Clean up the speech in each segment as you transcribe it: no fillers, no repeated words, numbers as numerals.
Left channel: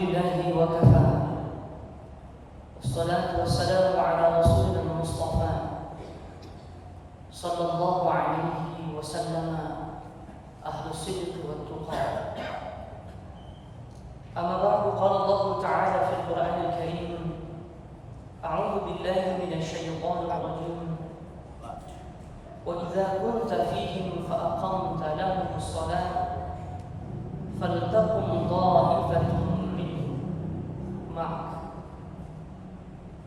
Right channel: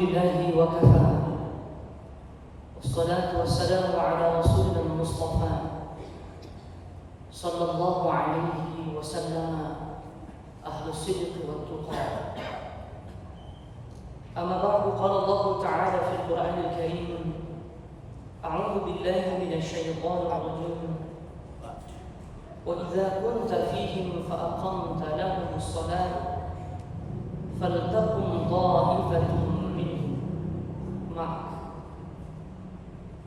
لله وكفى والصلاة والسلام على رسولنا المصطفى صلى الله عليه وسلم أهل الصدق والتقى. أما بعد قال الله تعالى في القرآن الكريم أعوذ بالله من الشيطان الرجيم وإذا كنت فيهم فأقمت لهم الصلاة فلتقم طائفة منهم معك.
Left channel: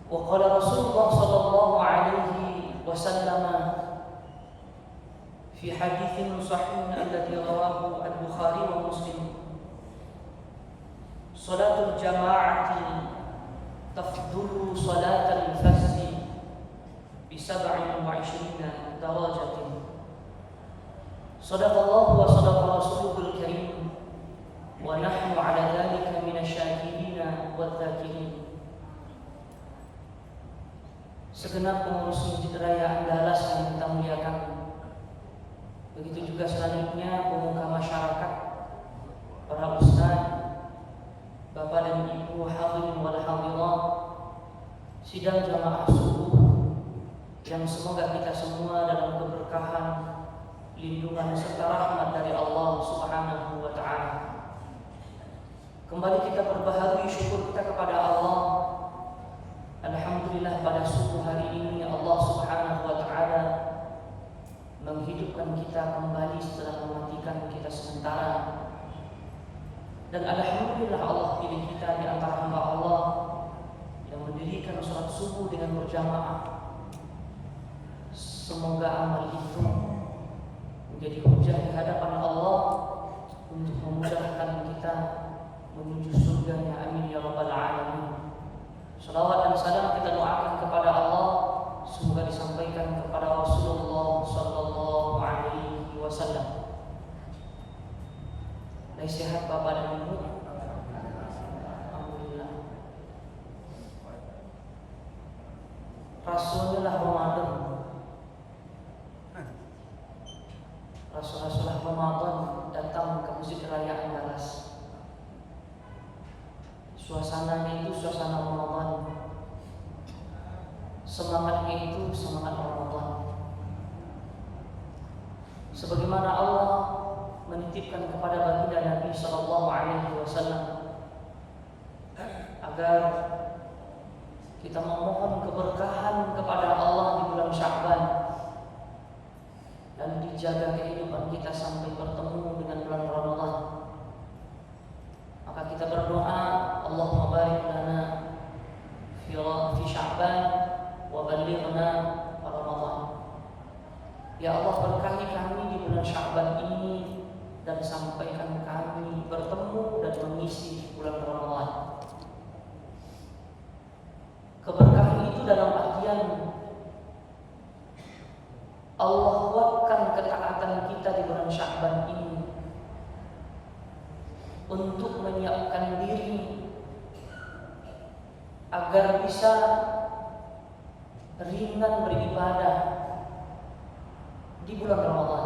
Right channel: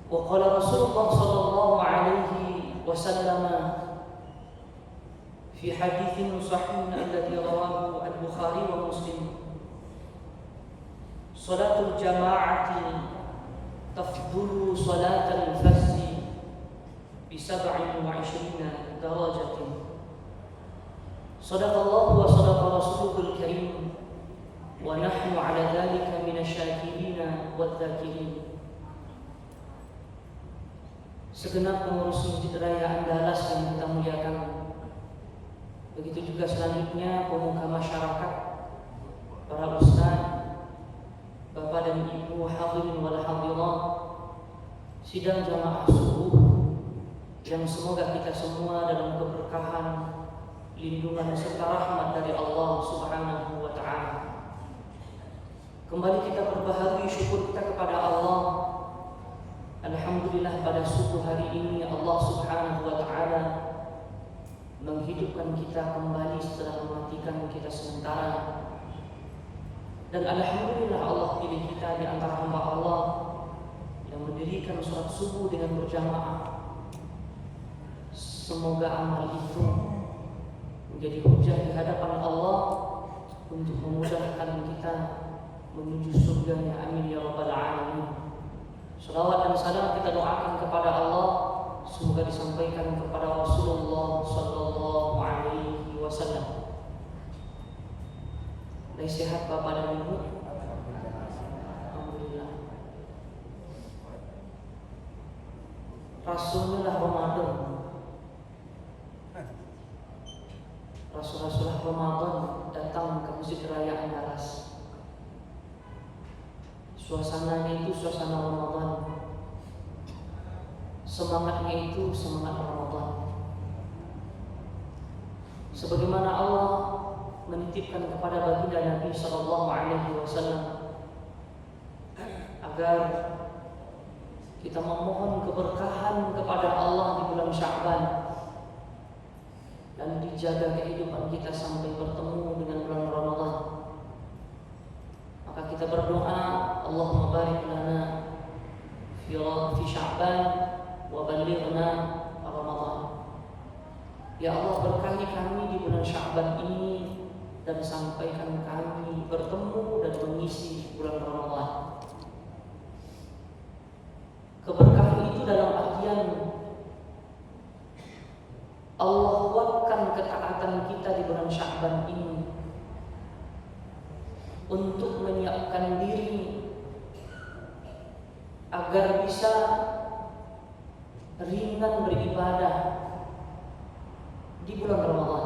وقال رسول الله صلى الله عليه وسلم في حديث صحيح الذي رواه البخاري ومسلم صلاة الجماعة تفضل صلاة الفجر ب27 درجة. صدق الله وصدق رسوله الكريم ونحن على ذلك من الشاكرين والذاكرين. Segenap pengurus Masjid Raya Andalas yang kita muliakan, begitu juga selanjutnya pemuka masyarakat, para ustaz, bapak dan ibu hadirin wal hadirat, sidang jamaah subuh yang semoga kita semua dalam keberkahan, lindungan serta rahmat dari Allah Subhanahu wa taala. Kembali kita berbahagia syukur kita kepada Allah. Alhamdulillah pada subuh hari ini Allah Subhanahu wa taala menghidupkan kita kembali setelah mematikan kita sementara. Dan alhamdulillah Allah pilih kita di antara hamba Allah yang mendirikan salat subuh dengan berjamaah. Semoga amal itu menjadi hujah di hadapan Allah untuk memudahkan kita menuju surganya. Amin ya rabbal alamin. Salawat dan salam kita doakan kepada Allah, semoga disampaikan kepada Rasulullah sallallahu alaihi wasallam. Baik, sehat Bapak dan Ibu? Alhamdulillah. Rasulullah Ramadan. Rasul-rasul Ramadan datang ke Masjid Raya Andalas. Suasananya itu suasana Ramadan, semangatnya itu semangat Ramadan. Sebagaimana Allah menitipkan kepada baginda Nabi sallallahu alaihi wasallam agar kita memohon keberkahan kepada Allah di bulan Sya'ban dan dijaga kehidupan kita sampai bertemu dengan bulan Ramadan. Maka kita berdoa, Allahumma barik lana fi Sya'ban wa ballighna Ramadan. Ya Allah, berkahi kami di bulan Sya'ban ini dan sampaikan kami bertemu dan mengisi bulan Ramadan. Keberkahan itu dalam artian Allah kuatkan ketaatan kita di bulan Sya'ban ini untuk menyiapkan diri agar bisa ringan beribadah di bulan Ramadan.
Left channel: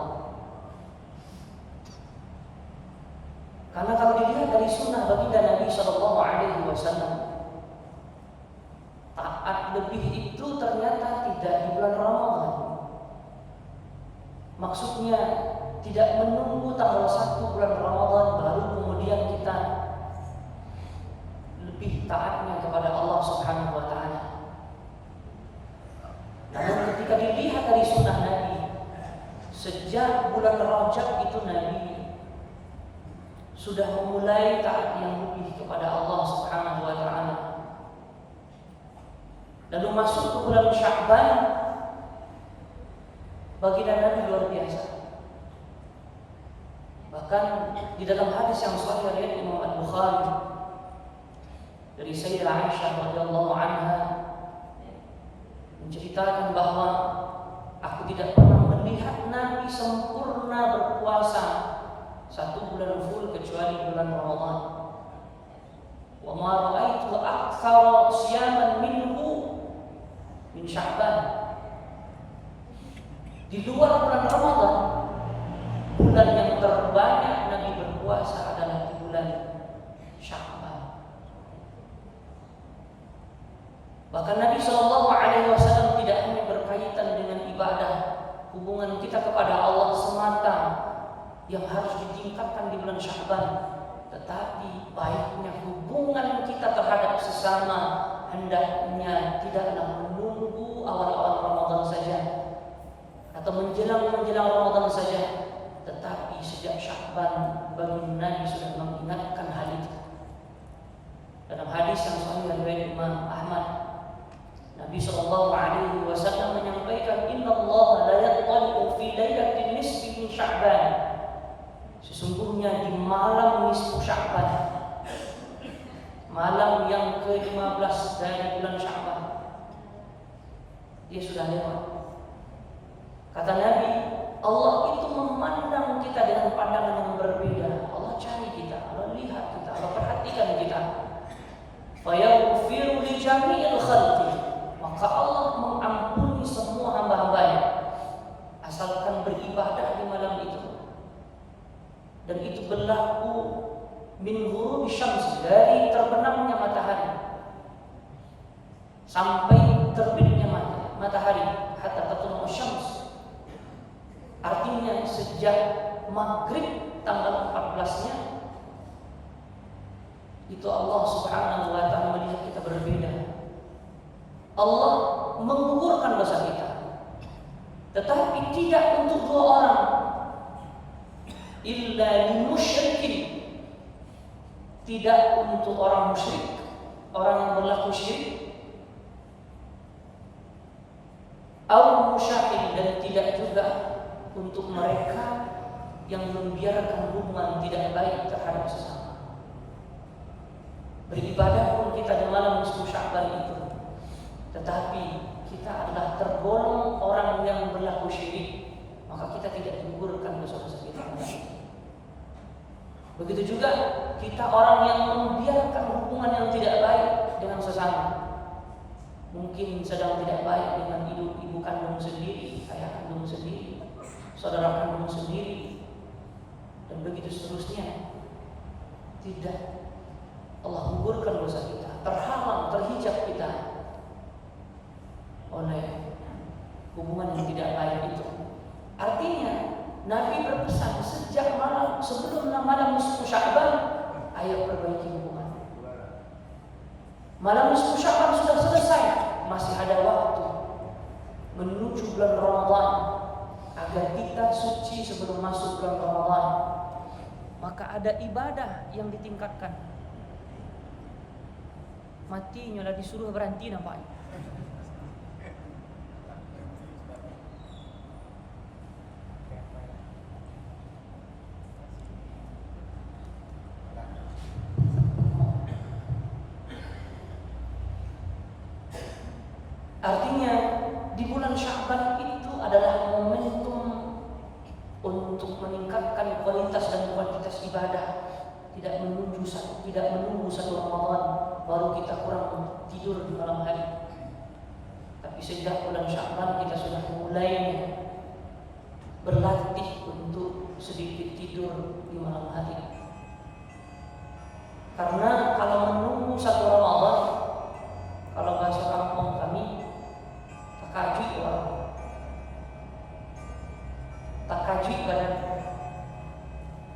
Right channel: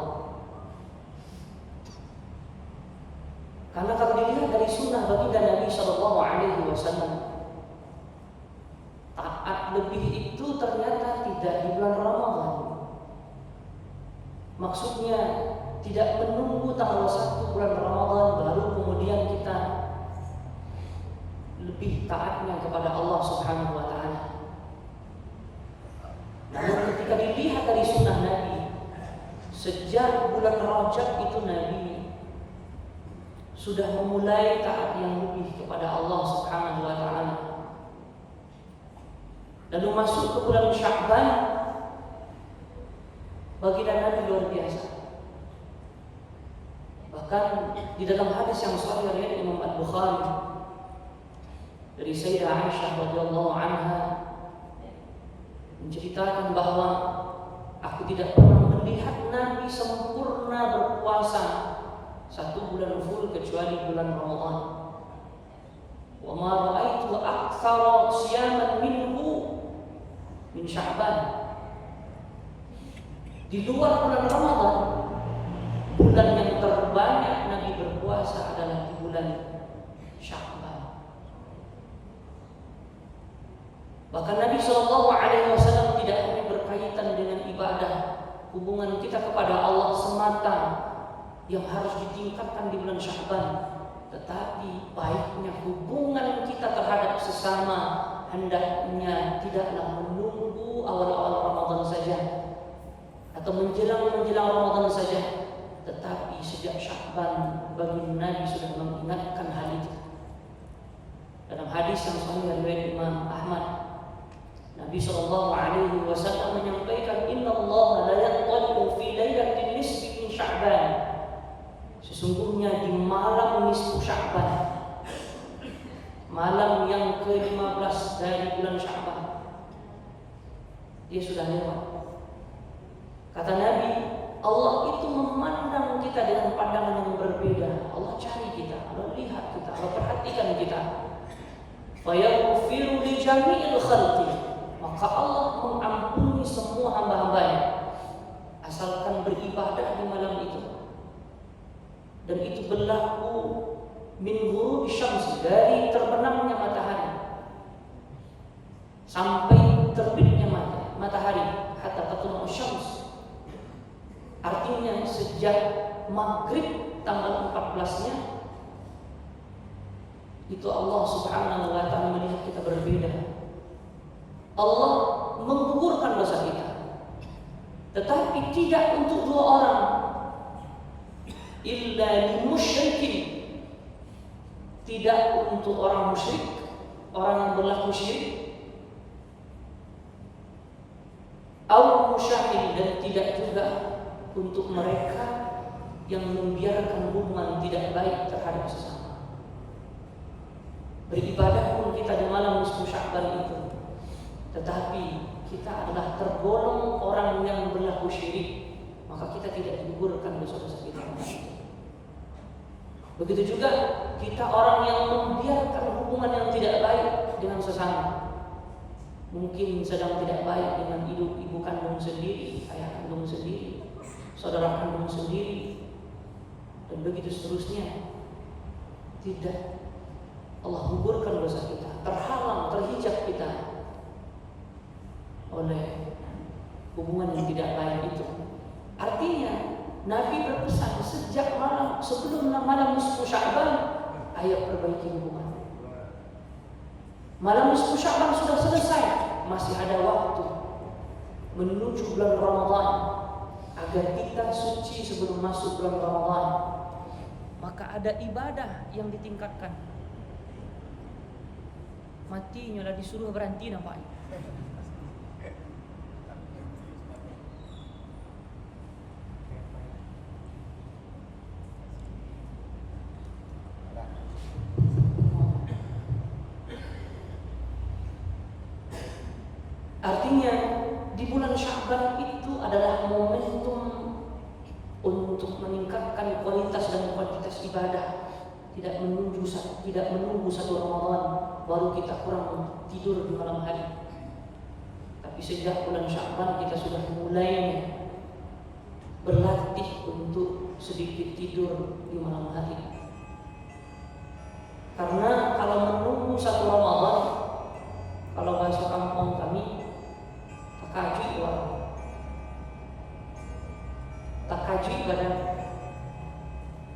Karena kalau dilihat dari sunnah baginda Nabi sallallahu alaihi wasallam, taat lebih itu ternyata tidak di bulan Ramadan. Maksudnya tidak menunggu tanggal 1 bulan Ramadan baru kemudian kita lebih taatnya kepada Allah Subhanahu wa taala. Namun ketika dilihat dari sunnah Nabi, sejak bulan Rajab itu Nabi sudah memulai taat yang lebih kepada Allah Subhanahu wa taala. Lalu masuk ke bulan Sya'ban, baginda Nabi luar biasa. Bahkan di dalam hadis yang sahih riwayat Imam Al-Bukhari dari Sayyidah Aisyah radhiyallahu anha menceritakan bahwa aku tidak pernah melihat Nabi sempurna berpuasa 1 bulan full kecuali bulan Ramadan. Wa ma ra'aitu aktsara siyaman minhu min Sya'ban. Di luar bulan Ramadan, bulan yang terbanyak Nabi berpuasa adalah di bulan Sya'ban. Bahkan Nabi SAW tidak hanya berkaitan dengan ibadah, hubungan kita kepada Allah semata yang harus ditingkatkan di bulan Sya'ban, tetapi baiknya hubungan kita terhadap sesama hendaknya tidaklah menunggu awal-awal Ramadan saja atau menjelang Ramadan saja, tetapi sejak Sya'ban baginda Nabi sudah mengingatkan hal itu. Dalam hadis yang sahih riwayat Imam Ahmad, Nabi SAW menyampaikan, Inna Allah la yattali'u fi lailatin nisfi min Sya'ban. Sesungguhnya di malam nisfu Sya'ban, malam yang ke-15 dari bulan Sya'ban, dia sudah lewat. Kata Nabi, Allah itu memandang kita dengan pandangan yang berbeda. Allah cari kita, Allah lihat kita, Allah perhatikan kita. Fayaghfiru li jami'il khalqi, maka Allah mengampuni semua hamba-hambanya asalkan beribadah di malam itu. Dan itu berlaku min ghurubi syams, dari terbenamnya matahari sampai terbitnya matahari, hatta tatlu'u syams. Artinya sejak maghrib tanggal 14-nya itu Allah Subhanahu wa ta'ala melihat kita berbeda. Allah menggugurkan dosa kita, tetapi tidak untuk dua orang, illa lil musyrikin, tidak untuk orang musyrik, orang yang berlaku syirik, au musyahin, dan tidak juga untuk mereka yang membiarkan hubungan tidak baik terhadap sesama. Beribadah pun kita di malam nisfu Sya'ban itu, tetapi kita adalah tergolong orang yang berlaku syirik, maka kita tidak digugurkan dosa-dosa kita. Begitu juga kita orang yang membiarkan hubungan yang tidak baik dengan sesama. Mungkin sedang tidak baik dengan ibu kandung sendiri, ayah kandung sendiri, saudara kandung sendiri, dan begitu seterusnya. Tidak, Allah gugurkan dosa kita, terhalang, terhijab kita oleh hubungan yang tidak baik itu. Artinya Nabi berpesan sejak malam sebelum malam nisfu Sya'ban, ayo perbaiki hubungan. Malam nisfu Sya'ban sudah selesai, masih ada waktu menuju bulan Ramadan agar kita suci sebelum masuk bulan Ramadan. Maka ada ibadah yang ditingkatkan. Matinya lah disuruh berhenti nampaknya. Artinya di bulan Sya'ban itu adalah momentum untuk meningkatkan kualitas dan kuantitas ibadah. Tidak menunggu satu Ramadan baru kita kurang tidur di malam hari. Tapi sejak bulan Sya'ban kita sudah mulai berlatih untuk sedikit tidur di malam hari. Karena kalau menunggu satu Ramadan, kalau bahasa kampung kami, takajui badan.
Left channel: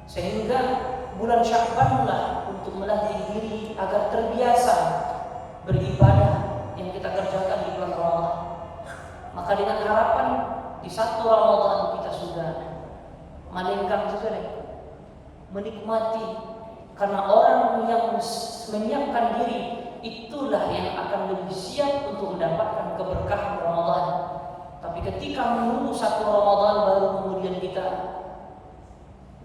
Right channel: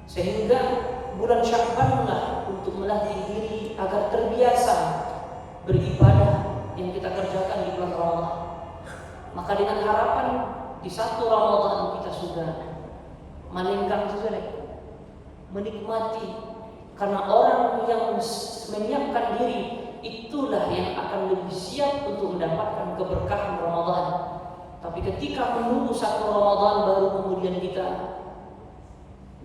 Sehingga bulan Sya'ban lah untuk melatih diri agar terbiasa beribadah yang kita kerjakan di bulan Ramadan. Maka dengan harapan di satu Ramadan kita sudah melenggang sesuai, menikmati. Karena orang yang menyiapkan diri itulah yang akan lebih siap untuk mendapatkan keberkahan Ramadan. Tapi ketika menunggu satu Ramadan baru kemudian kita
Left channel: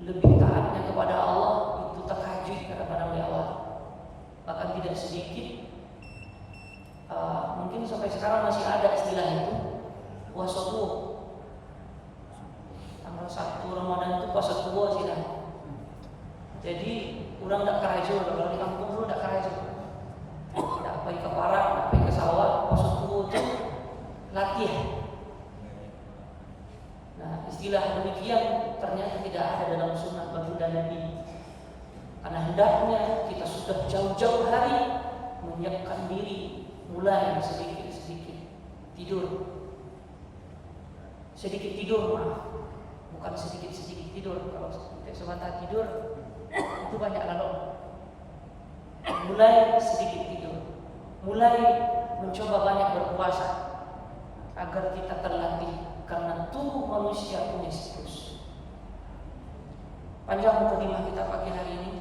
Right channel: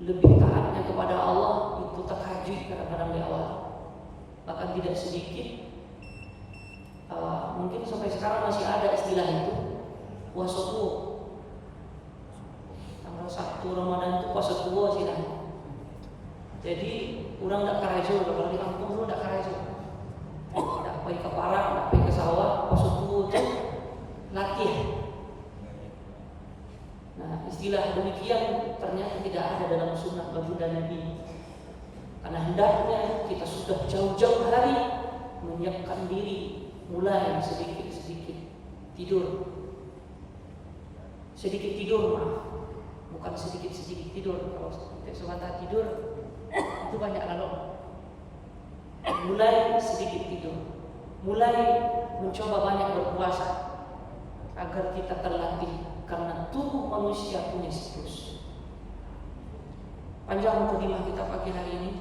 lebih taatnya kepada Allah, itu tahajud kadang-kadang di awal. Bahkan tidak sedikit, mungkin sampai sekarang masih ada istilah itu, puasa tua. Tanggal 1 Ramadan itu puasa tua sih. Jadi orang tidak kerajaan, kalau di kampung dulu tidak kerajaan. Tidak pergi ke parak, tidak pergi ke sawah, puasa tua itu latihan. Nah, istilah demikian ternyata tidak ada dalam sunnah baginda Nabi. Karena hendaknya kita sudah jauh-jauh hari menyiapkan diri mulai sedikit-sedikit tidur. Sedikit tidur, maaf, bukan sedikit-sedikit tidur. Kalau semata tidur itu banyak lalu. Mulai sedikit tidur, mulai mencoba banyak berpuasa agar kita terlatih, karena tubuh manusia punya siklus. Panjang mukadimah kita pagi hari ini.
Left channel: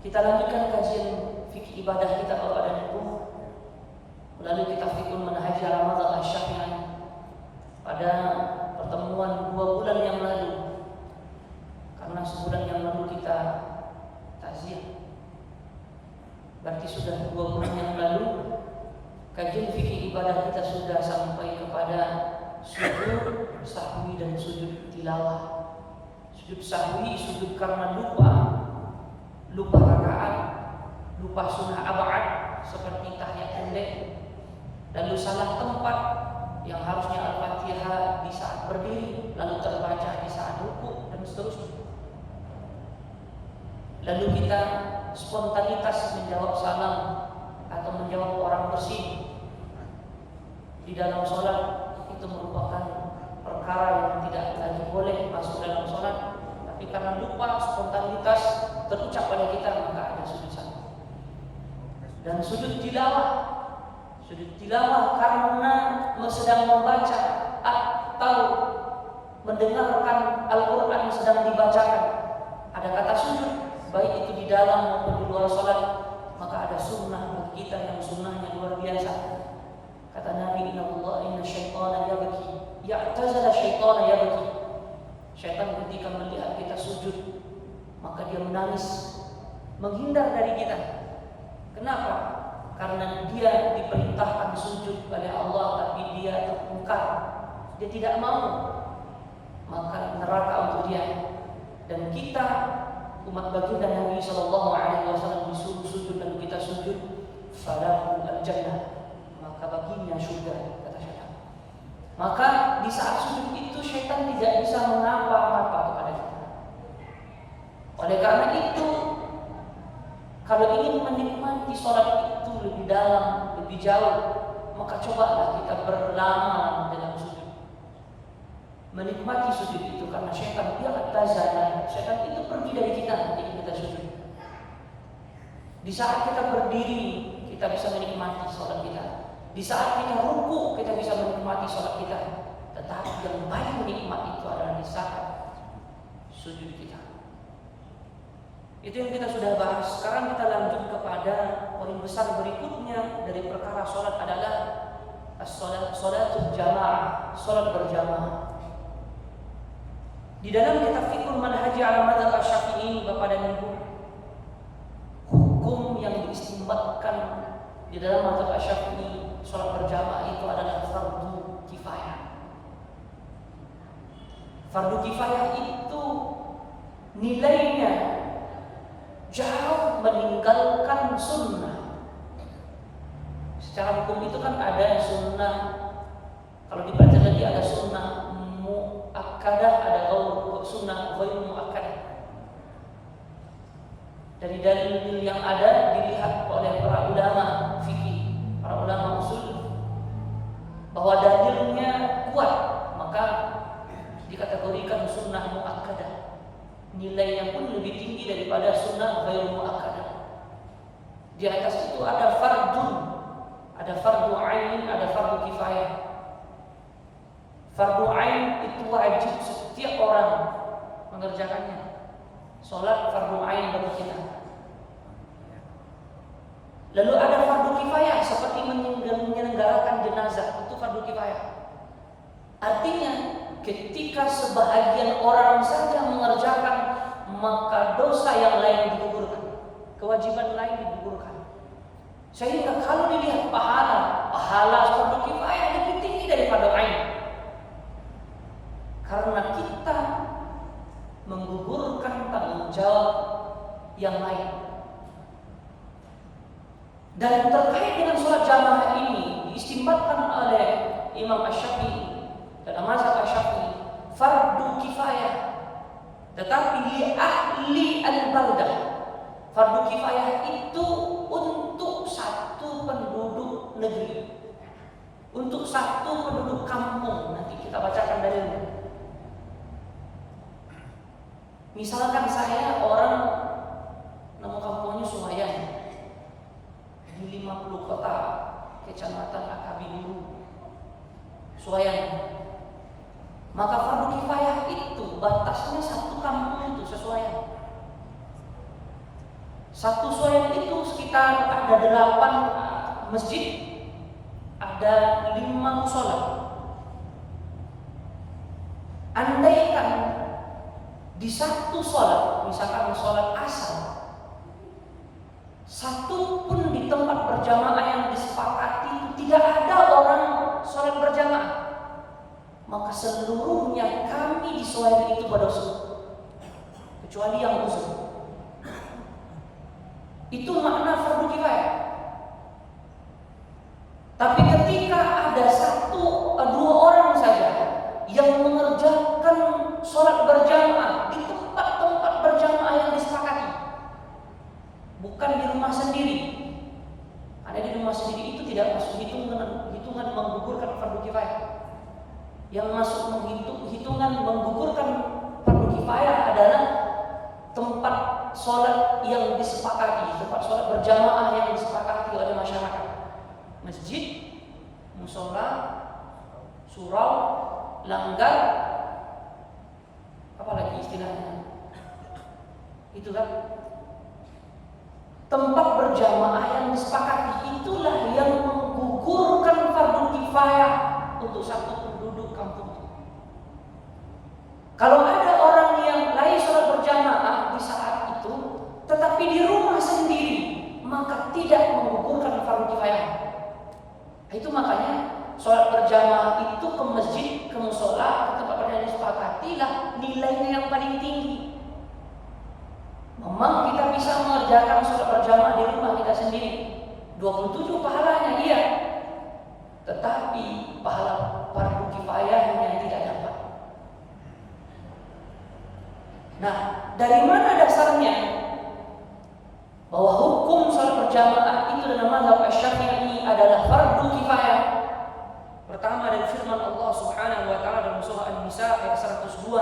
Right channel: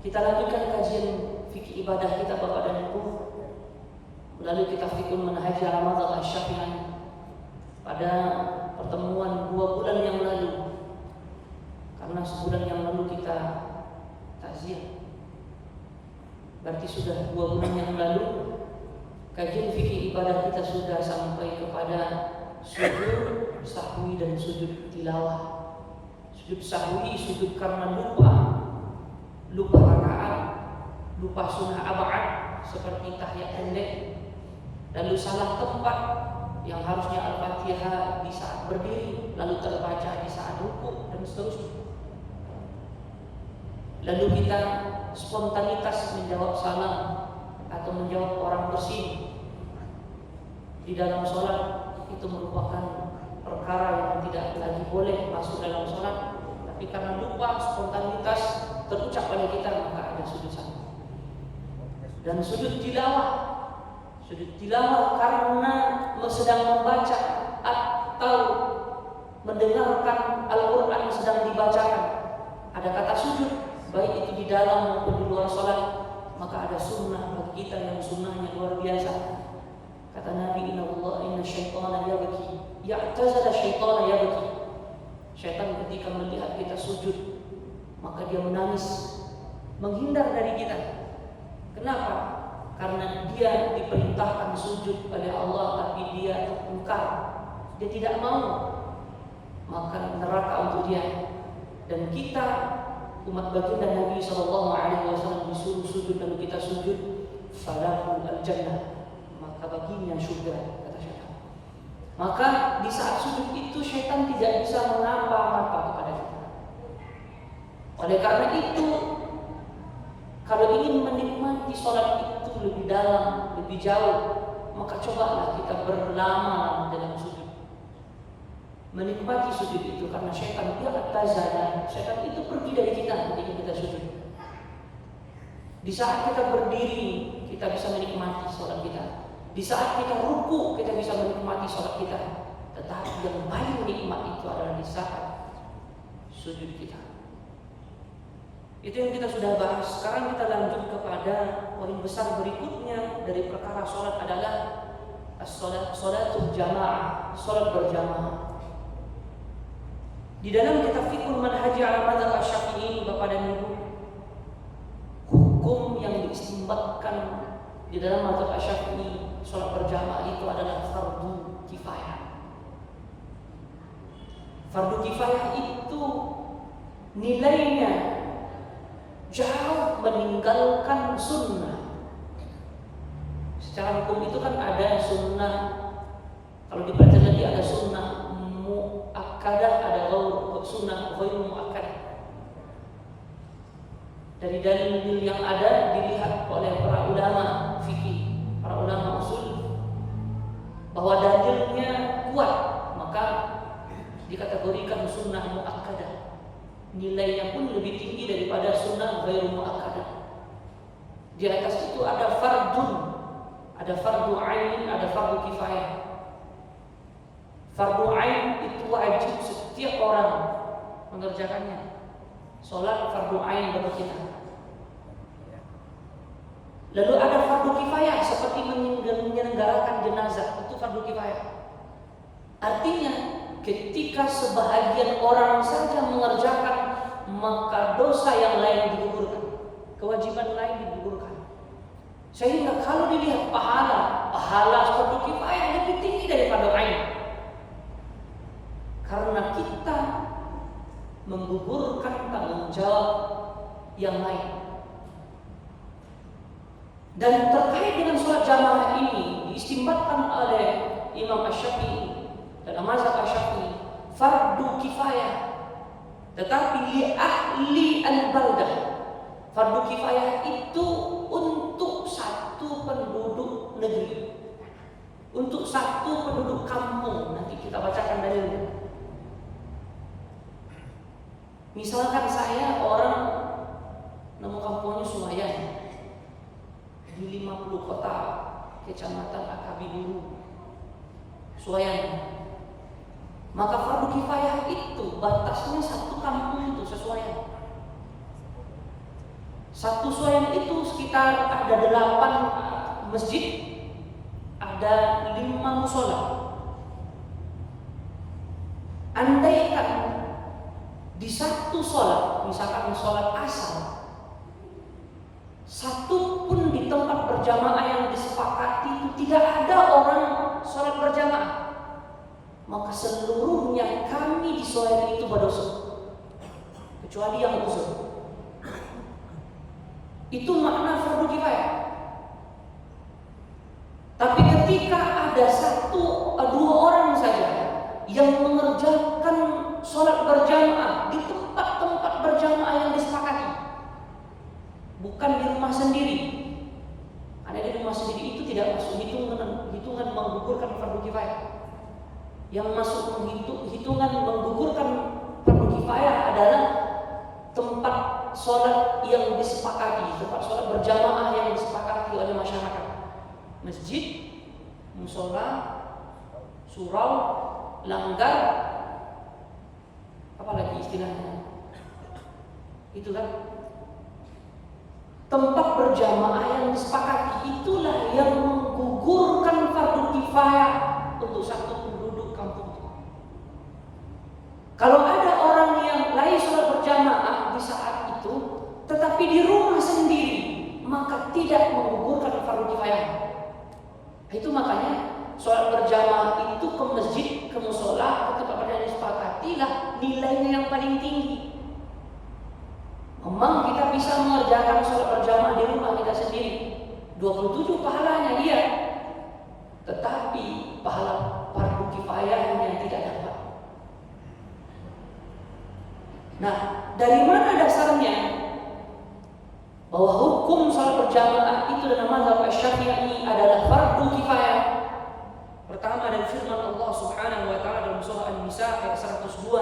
Kita lanjutkan kajian fikih ibadah kita Bapak dan Ibu melalui kitab Fiqhul Manhaj ala Madzhab Asy-Syafi'i pada pertemuan 2 bulan yang lalu. Karena sebulan yang lalu kita takziah, berarti sudah 2 bulan yang lalu kajian fikih ibadah kita sudah sampai kepada sujud sahwi dan sujud tilawah. Sujud sahwi, sujud karena lupa rakaat, lupa sunnah ab'ad seperti tahiyat pendek, lalu salah tempat yang harusnya Al-Fatihah di saat berdiri lalu terbaca di saat rukuk dan seterusnya. Lalu kita spontanitas menjawab salam atau menjawab orang bersih di dalam sholat, itu merupakan perkara yang tidak lagi boleh masuk dalam sholat. Tapi karena lupa, spontanitas terucap pada kita, maka ada sujud sahwi. Dan sujud tilawah karena sedang membaca atau mendengarkan Al-Quran yang sedang dibacakan, ada kata sujud, baik itu di dalam maupun di luar sholat, maka ada sunnah bagi kita yang sunnahnya luar biasa. Kata Nabi, inna syaitana yabki, ya'tazala syaitana yabki. Syaitan ketika melihat kita sujud, maka dia menangis, menghindar dari kita. Kenapa? Karena dia diperintahkan sujud oleh Allah, tapi dia terpungkar, dia tidak mau, maka neraka untuk dia. Dan kita umat baginda Nabi SAW disuruh sujud, lalu kita sujud, falahu al-jannah, maka baginya surga, kata syaitan. Maka di saat sujud itu syaitan tidak bisa mengapa-ngapa kepada kita. Oleh karena itu, kalau ingin menikmati sholat itu lebih dalam, lebih jauh, maka cobalah kita berlama dalam sujud, menikmati sujud itu. Karena syaitan dia tazala, syaitan itu pergi dari kita ketika kita sujud. Di saat kita berdiri, kita bisa menikmati sholat kita. Di saat kita ruku, kita bisa menikmati sholat kita. Tetapi yang paling nikmat itu adalah di saat sujud kita. Itu yang kita sudah bahas. Sekarang kita lanjut kepada poin besar berikutnya dari perkara sholat adalah sholatul jamaah, sholat berjamaah. Di dalam kitab Fiqhul Manhaj ala Madzhab Asy-Syafi'i, Bapak dan Ibu, hukum yang diistimbatkan di dalam Madzhab Asy-Syafi'i, sholat berjamaah itu adalah fardu kifayah. Fardu kifayah itu nilainya jauh meninggalkan sunnah. Secara hukum itu kan ada sunnah, kalau dibaca lagi ada sunnah muakkadah, ada sunnah ghairu muakkadah. Dari dalil yang ada dilihat oleh para ulama fikih, para ulama usul, bahwa dalilnya kuat, maka dikategorikan sunnah muakkadah. Nilainya pun lebih tinggi daripada sunnah ghairu muakkadah. Di atas itu ada fardun, ada fardu ain, ada fardu kifayah. Fardu ain itu wajib setiap orang mengerjakannya. Salat fardu ain bagi kita. Lalu ada fardu kifayah seperti menyelenggarakan jenazah, itu fardu kifayah. Artinya ketika sebahagian orang saja mengerjakan, maka dosa yang lain digugurkan, kewajiban lain digugurkan. Sehingga kalau dilihat pahala fardu kifayah lebih tinggi daripada ain. Karena kita menggugurkan tanggung jawab yang lain. Dan terkait dengan sholat jamaah ini diistimbatkan oleh Imam Asy-Syafi'i dalam mazhab Asy-Syafi'i fardu kifayah, tetapi li ahli al-baldah. Fardu kifayah itu untuk satu penduduk negeri, untuk satu penduduk kampung. Nanti kita bacakan dalilnya. Misalkan saya orang nama kampungnya Sumayan di 50 kota kecamatan Akabi dulu Suwayan, maka fardu kifayah itu batasnya satu kampung itu sesuai. Satu Suwayan itu sekitar ada 8 masjid, ada 5 musola. Andaikan di satu sholat, misalkan sholat asar, satu pun di tempat berjamaah yang disepakati tidak ada orang sholat berjamaah, maka seluruhnya kami di sholat itu berdosa, kecuali yang uzur. Itu makna fardu kifayah. Tapi ketika ada 1-2 orang saja yang mengerjakan sholat berjamaah di tempat-tempat berjamaah yang disepakati, bukan di rumah sendiri. Ada di rumah sendiri itu tidak masuk hitungan menggugurkan fardu kifayah. Yang masuk hitungan menggugurkan fardu kifayah adalah tempat sholat yang disepakati, tempat sholat berjamaah yang disepakati oleh masyarakat. Masjid, musola, surau, langgar, apa lagi istilahnya? Itulah tempat berjamaah yang disepakati, itulah yang menggugurkan fardu kifayah untuk satu penduduk kampung. Kalau ada orang yang lain sholat berjamaah di saat itu, tetapi di rumah sendiri, maka tidak menggugurkan fardu kifayah. Itu makanya sholat berjamaah itu ke masjid, ke musola, ke tempat yang disepakati lah nilainya yang paling tinggi. Memang kita bisa mengerjakan sholat berjamaah di rumah kita sendiri, 27 pahalanya iya, tetapi pahala fardu kifayahnya tidak dapat. Nah, dari mana dasarnya bahwa hukum sholat berjamaah itu dalam mazhab Asy-Syafi'i adalah fardu kifayah? Pertama dari firman Allah Subhanahu wa taala dalam surah An-Nisa ayat 102,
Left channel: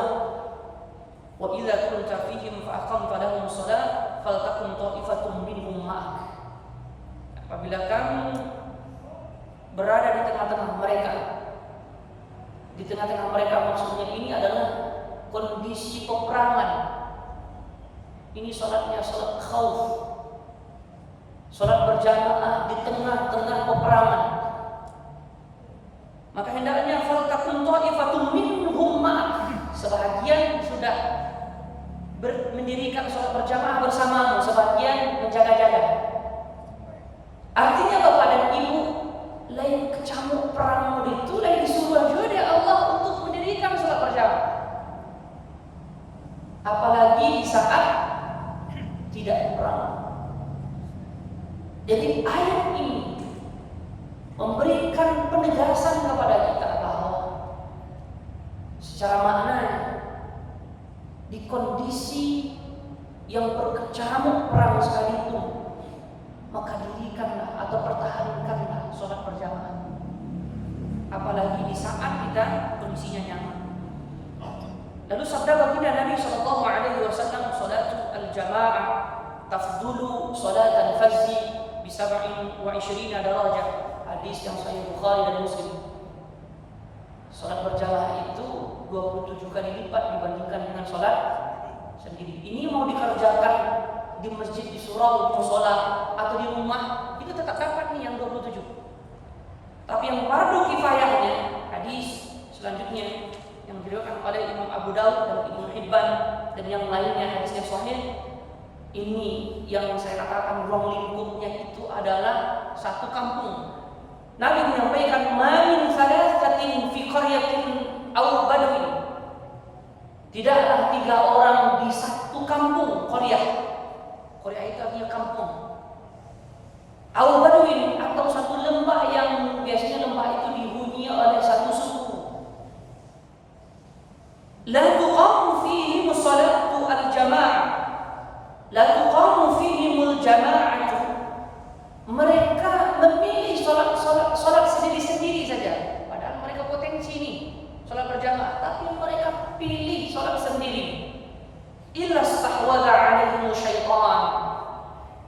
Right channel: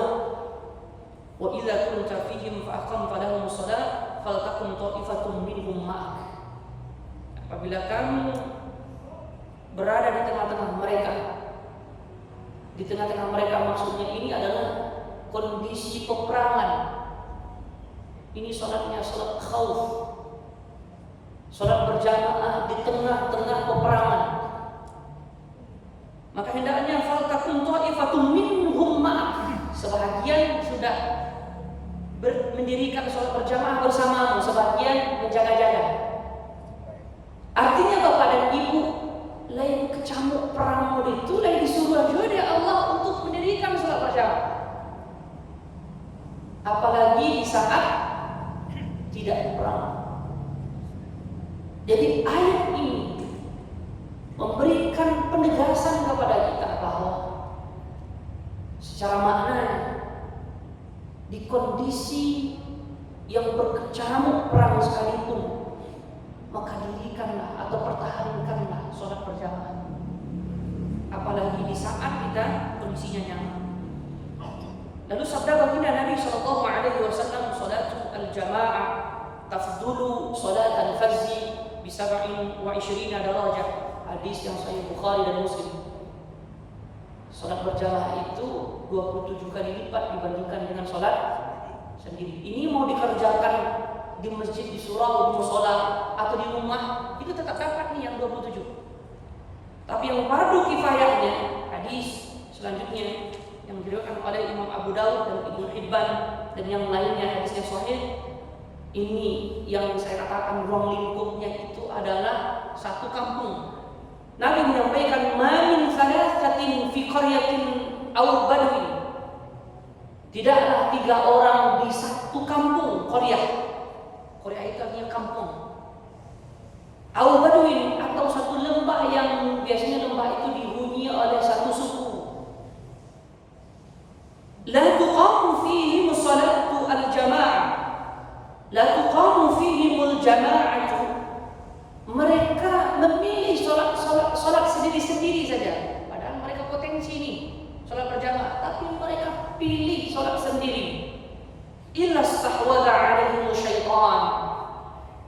"Wa idza kunta fihim fa aqamta lahumus shalah faltakum ta'ifatun minhum ma'ak." Apabila kamu berada di tengah-tengah mereka, di tengah-tengah mereka maksudnya ini adalah kondisi peperangan. Ini sholatnya sholat khauf, sholat berjamaah di tengah-tengah peperangan. Maka hendaknya faltakun ta'ifatun minhum ma'ak, sebahagian sudah mendirikan sholat berjamaah bersamamu, sebagian menjaga-jaga. Artinya Bapak dan Ibu, lain kecamuk perang itu, lain disuruh juga oleh Allah untuk mendirikan sholat berjamaah. Apalagi di saat tidak perang. Jadi ayat ini memberikan penegasan kepada kita bahwa secara maknanya di kondisi yang berkecamuk perang sekalipun, maka dirikanlah atau pertahankanlah sholat berjamaah. Apalagi di saat kita kondisinya nyaman. Lalu sabda baginda Nabi sallallahu alaihi wasallam, "Shalatul al-jamaah tafdulu salat al-fajr bi 27 darajah." Hadis yang sahih Bukhari dan Muslim. Salat berjamaah itu 27 kali lipat dibandingkan dengan salat sendiri. Ini mau dikerjakan di masjid, di surau, di musola atau di rumah, itu tetap dapat nih yang 27. Tapi yang fardu kifayahnya, hadis selanjutnya yang diriwayatkan oleh Imam Abu Daud dan Ibnu Hibban dan yang lainnya hadisnya sahih, ini yang saya katakan ruang lingkupnya itu adalah satu kampung. Nabi menyampaikan, "Ma min thalathatin fi qaryatin aw badwin." Tidaklah 3 orang di satu kampung, qaryah. Qaryah itu artinya kampung. Aw badwin atau satu lembah yang biasanya lembah itu dihuni oleh satu suku. La tuqamu fihim salatu al-jamaah. La tuqamu fihim al-jamaah. Mereka memilih salat sholat berjamaah, tapi mereka pilih sholat sendiri. Illa stahwadha alaihim syaitan,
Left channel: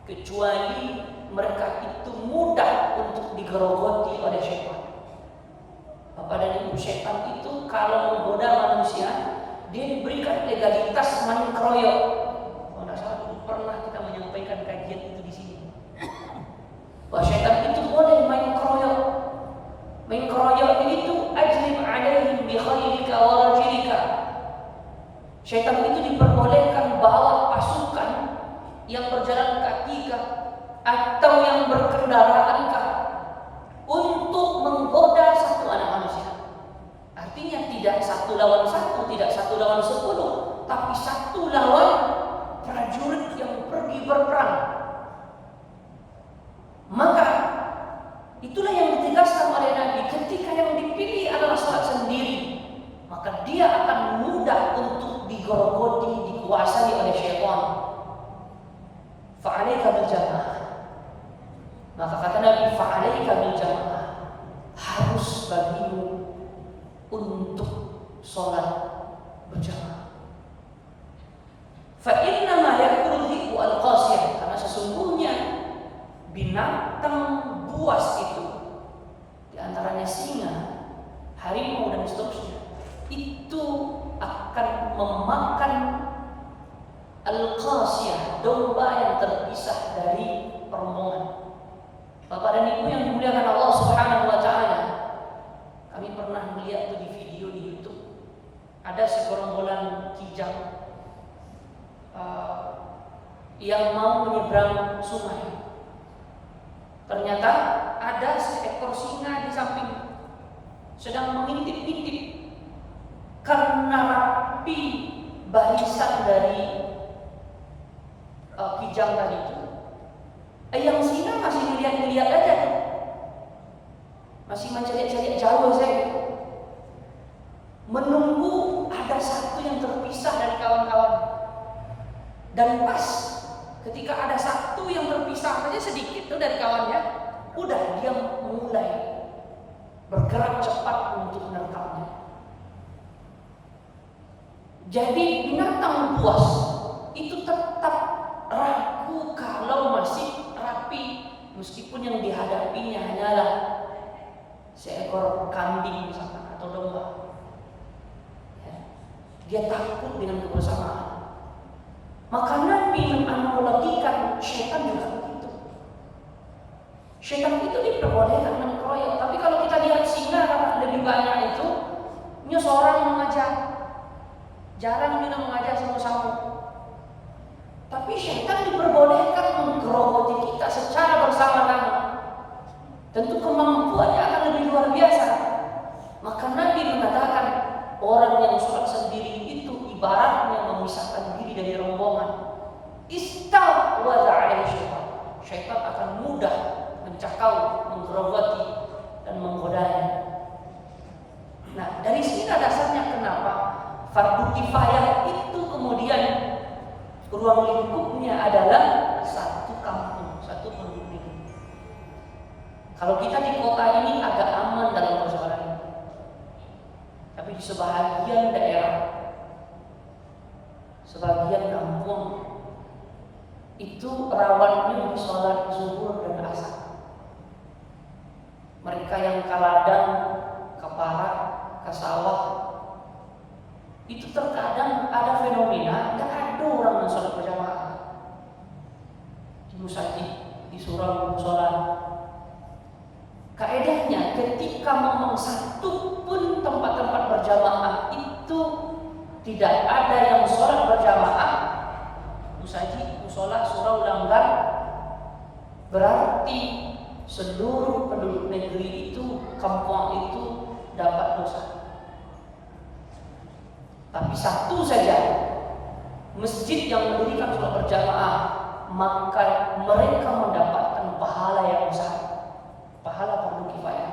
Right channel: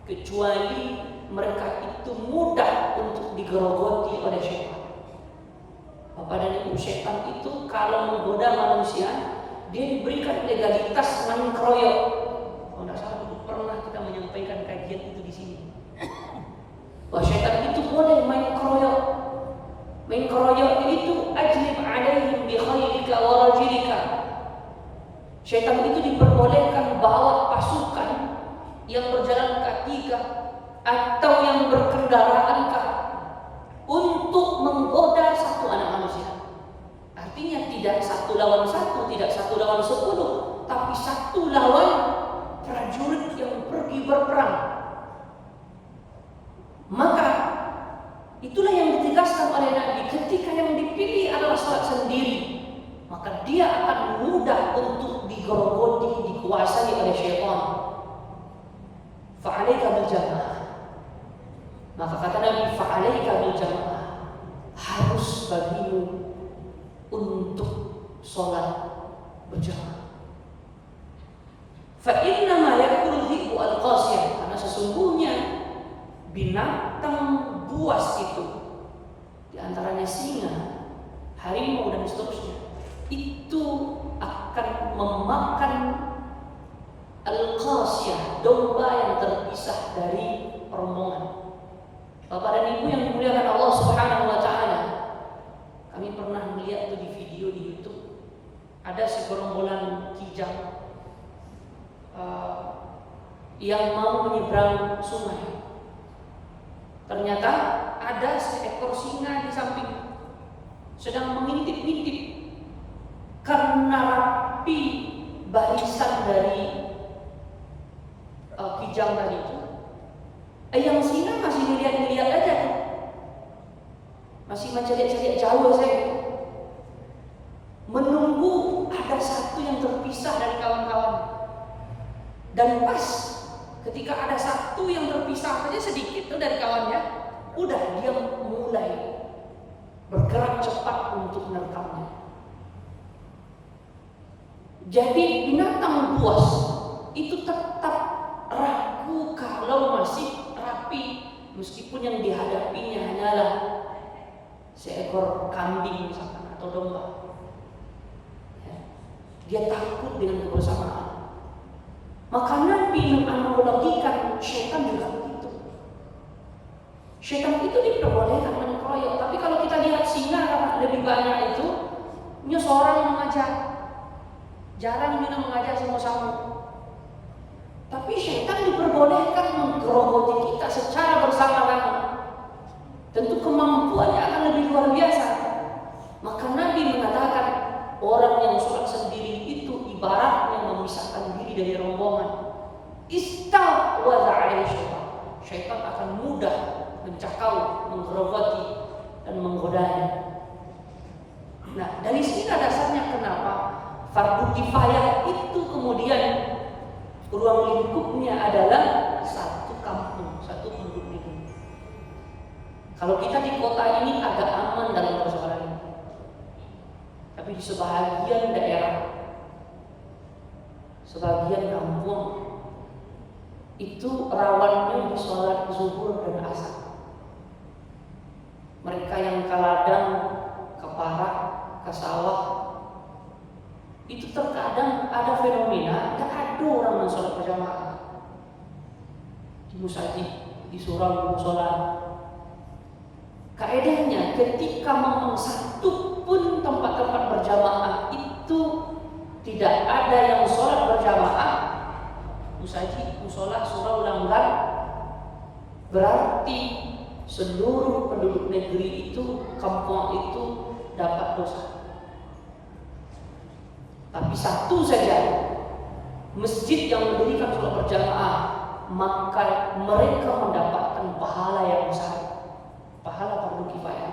kecuali mereka itu mudah untuk digerogoti oleh syaitan. Bapak dan Ibu, syaitan itu kalau menggoda manusia, dia diberikan legalitas main keroyok. Kalau tidak salah dulu pernah kita menyampaikan kajian itu di sini. Bahwa syaitan itu boleh main keroyok. Main keroyok itu ajlib alaihim bi khaylika wa rajilika. Syaitan itu diperbolehkan bawa pasukan yang berjalan kaki atau yang berkendaraan untuk menggoda satu anak manusia. Artinya tidak 1 lawan 1, tidak 1 lawan 10, tapi 1 lawan prajurit yang pergi berperang. Maka itulah yang ditegaskan oleh Nabi, ketika yang dipilih adalah sholat sendiri, maka dia akan mudah untuk digerogoti, dikuasai oleh syaitan. Fa'alaika bil jamaah. Maka kata Nabi, fa'alaika bil jamaah, harus bagimu untuk sholat berjamaah. Fa inna ma ya'kulu dhi'bu al-qasiyah, karena sesungguhnya binatang buas itu, di antaranya singa, harimau dan seterusnya, itu akan memakan al-qasiyah, domba yang terpisah dari rombongan. Bapak dan Ibu yang dimuliakan Allah Subhanahu wa taala, kami pernah melihat itu di video di YouTube. Ada segerombolan kijang yang mau menyeberang sungai. Ternyata ada seekor singa di samping sedang mengintip-intip, karena rapi barisan dari kijang tadi itu. Yang singa masih melihat-lihat aja tuh, masih mencari-cari jauh saya, menunggu ada satu yang terpisah dari kawan-kawan. Dan pas ketika ada satu yang terpisah saja sedikit tuh dari kawannya, udah dia mulai bergerak cepat untuk menerkamnya. Jadi binatang buas itu tetap ragu kalau masih rapi, meskipun yang dihadapinya hanyalah seekor kambing misalkan atau domba. Dia takut dengan kebersamaan. Maka Nabi menganalogikan syaitan juga begitu. Syaitan itu diperbolehkan mengkeroyok, tapi kalau kita lihat singa karena lebih banyak itu, ini seorang mengajak, jarang dia mengajak sama-sama. Tapi syaitan diperbolehkan menggerogoti kita secara bersama-sama. Tentu kemampuannya akan lebih luar biasa. Maka Nabi mengatakan orang yang sholat sendiri itu ibaratnya memisahkan diri dari rombongan. Istahwadha alaihi syaitan. Syaitan akan mudah mencakau, menggerogoti dan menggodanya. Nah, dari sini dasarnya kenapa fardu kifayah itu kemudian ruang lingkupnya adalah satu kampung, satu penduduk ini. Kalau kita di kota ini agak aman dalam persoalan ini, tapi di sebahagian daerah, sebagian kampung itu rawannya di sholat zuhur dan asar. Mereka yang ke ladang, ke parak, ke sawah, itu terkadang ada fenomena tidak ada orang yang sholat berjamaah di musajid, di surau musola. Kaedahnya ketika memang satu pun tempat-tempat berjamaah itu tidak ada yang sholat berjamaah, musajid, musola, surau, langgar, berarti seluruh penduduk negeri itu, kampung itu dapat dosa. Tapi satu saja masjid yang mendirikan sholat berjamaah, maka mereka mendapatkan pahala yang besar, pahala fardu kifayah.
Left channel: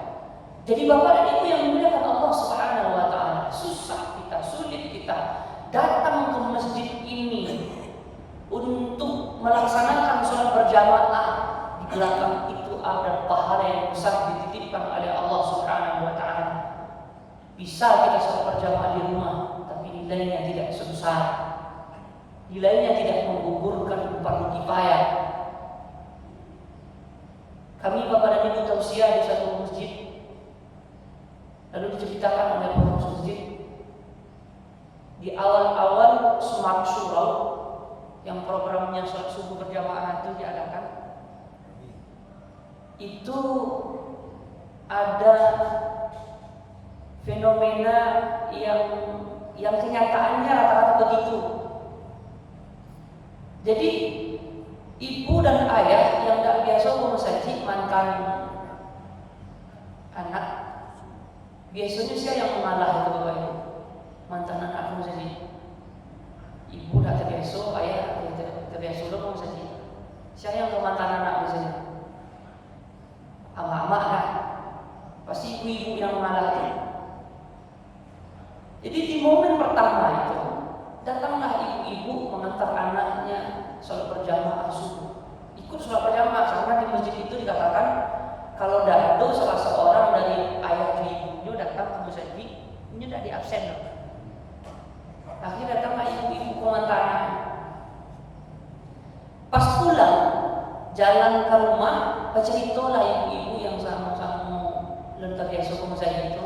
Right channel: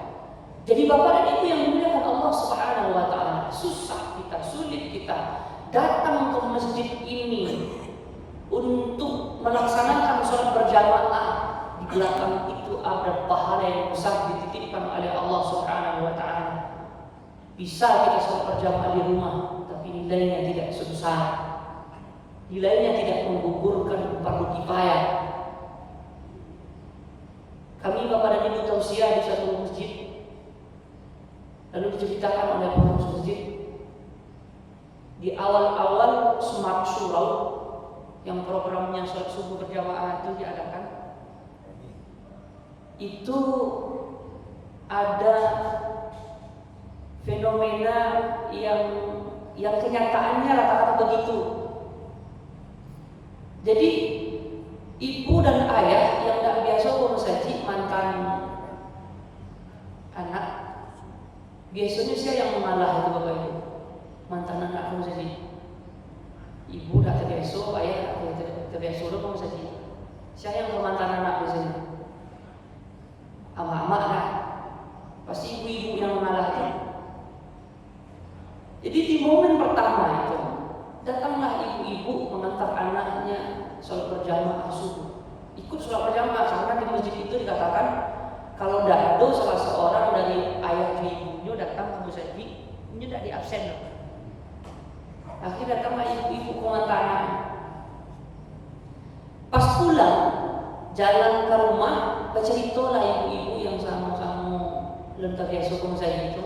Jadi Bapak dan Ibu yang dimuliakan Allah Subhanahu wa taala, susah kita, sulit kita datang ke masjid ini untuk melaksanakan sholat berjamaah, di belakang itu ada pahala yang besar dititipkan oleh Allah Subhanahu wa taala. Bisa kita sholat berjamaah di rumah, tapi nilainya tidak sebesar, nilainya tidak menggugurkan fardu kifayah. Kami Bapak dan Ibu tausiah di satu masjid, lalu diceritakan oleh pengurus masjid di awal-awal Smart Surau yang programnya sholat subuh berjamaah itu diadakan, itu ada fenomena yang kenyataannya rata-rata begitu. Jadi ibu dan ayah yang tak biasa memusaji mantan anak, biasanya saya yang mengalah itu Bapak Ibu. Mantan anak memusaji, ibu tak terbiasa, ayah terbiasa udah memusaji. Saya yang ke mantan anak biasanya, ama-ama lah, pasti ibu-ibu yang mengalah itu. Jadi di momen pertama itu datanglah ibu-ibu mengantar anaknya sholat berjamaah subuh. Ikut sholat berjamaah karena di masjid itu dikatakan kalau tidak ada salah seorang dari ayah ibunya datang ke masjid, ini tidak di absen. Akhirnya datanglah ibu-ibu mengantar anaknya. Pas pulang jalan ke rumah, berceritalah ibu-ibu yang sama-sama lentar biasa ke masjid itu.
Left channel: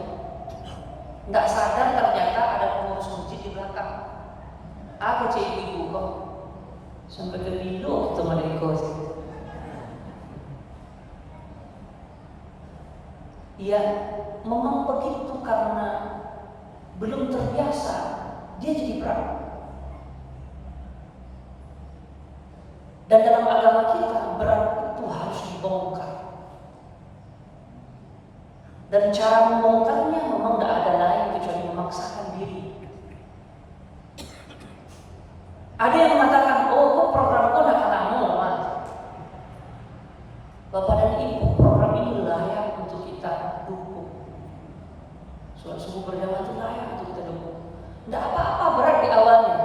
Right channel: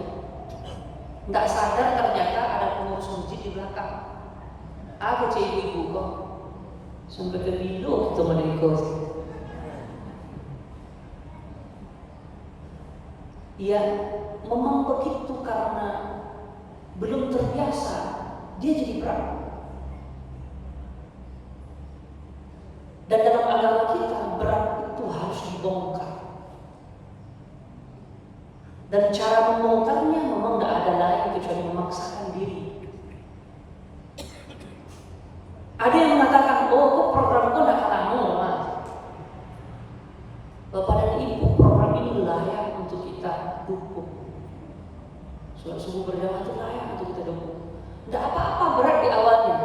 Tidak sadar ternyata ada pengurus masjid di belakang. Aku cek ibu kok sampai ke bilu itu mereka. Ya, memang begitu karena belum terbiasa, dia jadi berat. Dan dalam agama kita berat itu harus dibongkar. Dan cara membongkarnya memang tidak ada lain kecuali memaksakan diri. Ada yang mengatakan, oh kok programku tidak kamu, Mas. Bapak dan Ibu, program ini layak untuk kita dukung. Sholat subuh berjamaah itu layak untuk kita dukung. Tidak apa-apa berat di awalnya.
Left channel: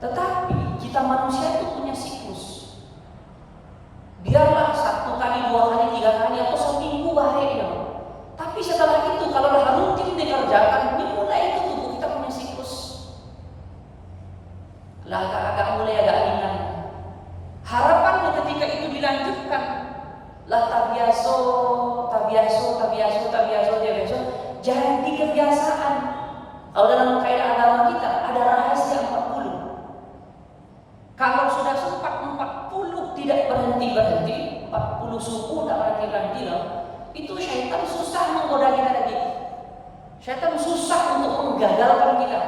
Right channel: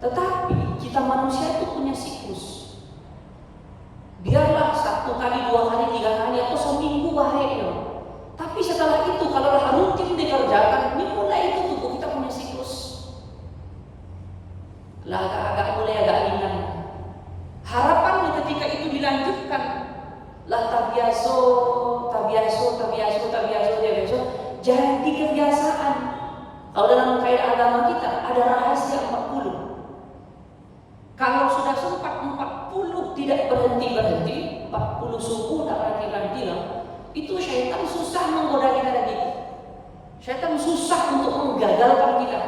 Tetapi kita manusia itu punya siklus. Biarlah 1 kali, 2 kali, 3 kali, atau seminggu bahaya. Tapi setelah itu kalau dah rutin dikerjakan, ini mulai itu tubuh kita punya siklus. Lah agak mulai agak ringan. Harapannya ketika itu dilanjutkan, lah tabiaso, jadi kebiasaan. Kalau dalam kaidah agama kita ada rahasia 40. Kalau sudah sempat 40 tidak berhenti, 40 subuh tak berhenti lah. Itu syaitan susah menggoda kita lagi. Syaitan susah untuk menggagalkan kita.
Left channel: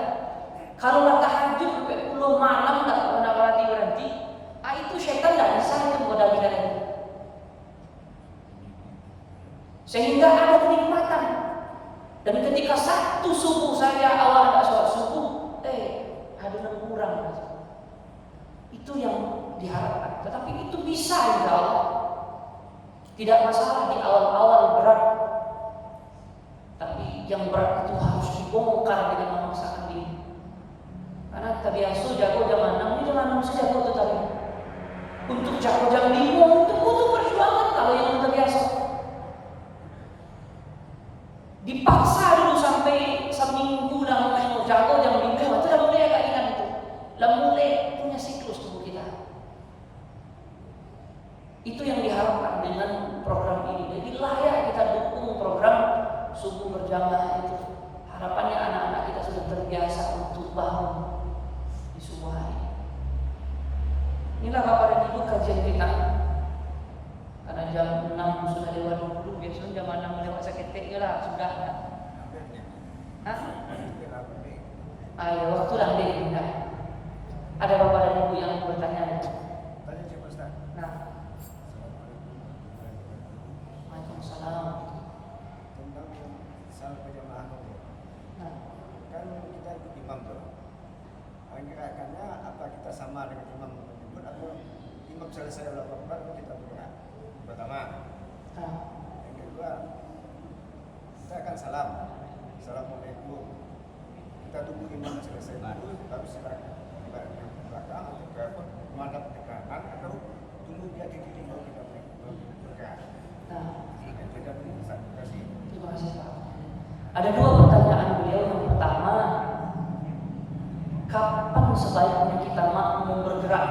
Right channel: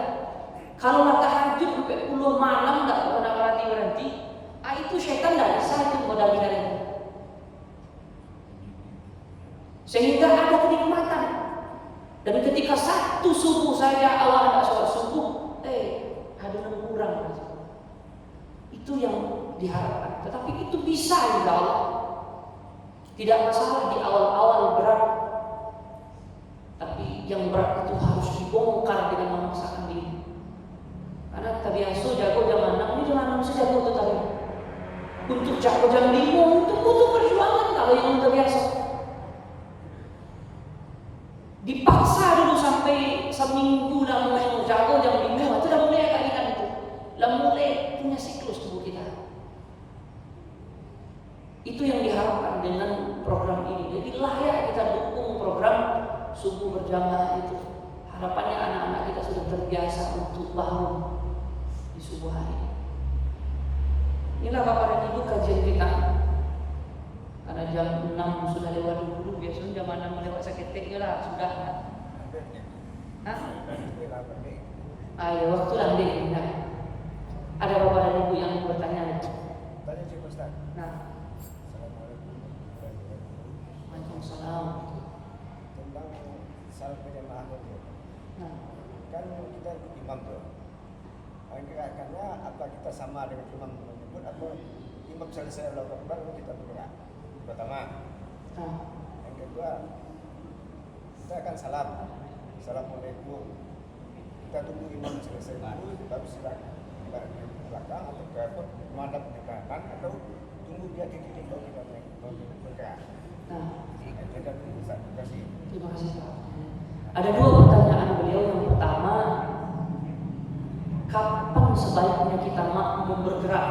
Kalau tahajud sampai 10 malam tak pernah berhenti, itu syaitan tak bisa menggoda kita lagi. Sehingga ada kenikmatan. Dan ketika satu subuh saya awal tak sholat subuh, ada yang kurang. Itu yang diharapkan. Tetapi itu bisa insya Allah. Tidak masalah di awal-awal berat, tapi yang berat itu harus dibongkar dengan memaksakan diri. Karena terbiasa jago jam 6, ini jam 6 saja jago itu tadi. Untuk jago jam 5 itu butuh perjuangan kalau yang terbiasa. Dipaksa dulu sampai seminggu lah mau jago jam 5, itu dah mulai agak ringan itu. Lah mulai punya siklus tubuh kita. Itu yang diharapkan dengan program ini. Jadi layak kita dukung program subuh berjamaah itu. Harapannya anak-anak kita sudah terbiasa untuk bangun di subuh hari. Inilah Bapak dan Ibu kajian kita. Karena jam 6 sudah lewat dulu, biasanya jam 6 lewat seketiknya lah sudah. Hah? Ayo waktu lah deh. Ada Bapak dan Ibu yang bertanya. Tanya Cik Ustaz. Nah. Waalaikumsalam. Tentang salat berjamaah itu. Nah. Kan kita imam tuh. Gerakannya apa kita sama dengan imam menyebut atau imam selesai Allahu Akbar kita berdoa. Pertama. Nah. Yang kedua, kita akan salam. Assalamualaikum. Kita tunggu imam selesai dulu, baru silakan di belakang atau ke menghadap ke kanan atau tunggu dia titik baru kita bergerak. Nah. Jadi kita dulu Ustaz, terima kasih. Terima kasih Pak. Ada dua pertanyaan beliau. Yang pertama, kapan sebaiknya kita makmum bergerak?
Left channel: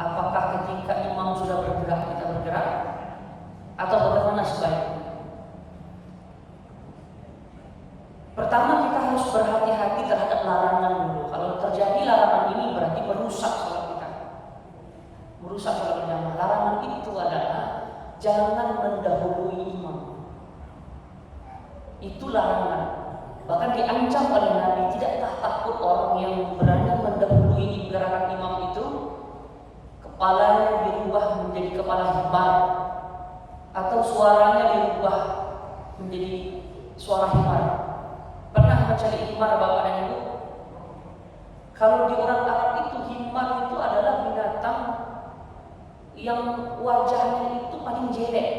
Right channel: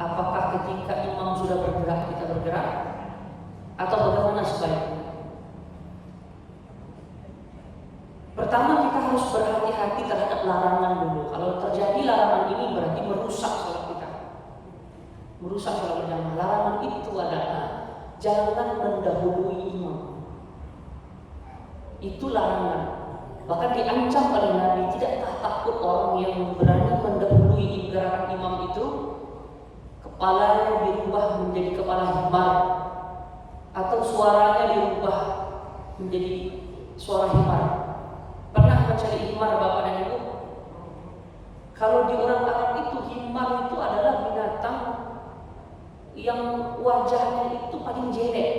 Apakah ketika imam sudah bergerak kita bergerak, atau bagaimana sebaiknya? Pertama, kita harus berhati-hati terhadap larangan dulu. Kalau terjadi larangan ini berarti merusak salat kita, merusak salat berjamaah. Larangan itu adalah jangan mendahului imam. Itu larangan. Bahkan diancam oleh Nabi, tidakkah takut orang yang berani mendahului gerakan imam itu, kepalanya dirubah menjadi kepala himar, atau suaranya dirubah menjadi suara himar. Pernah mencari himar Bapak dan Ibu? Kalau di orang Arab itu, himar itu adalah binatang yang wajahnya itu paling jelek,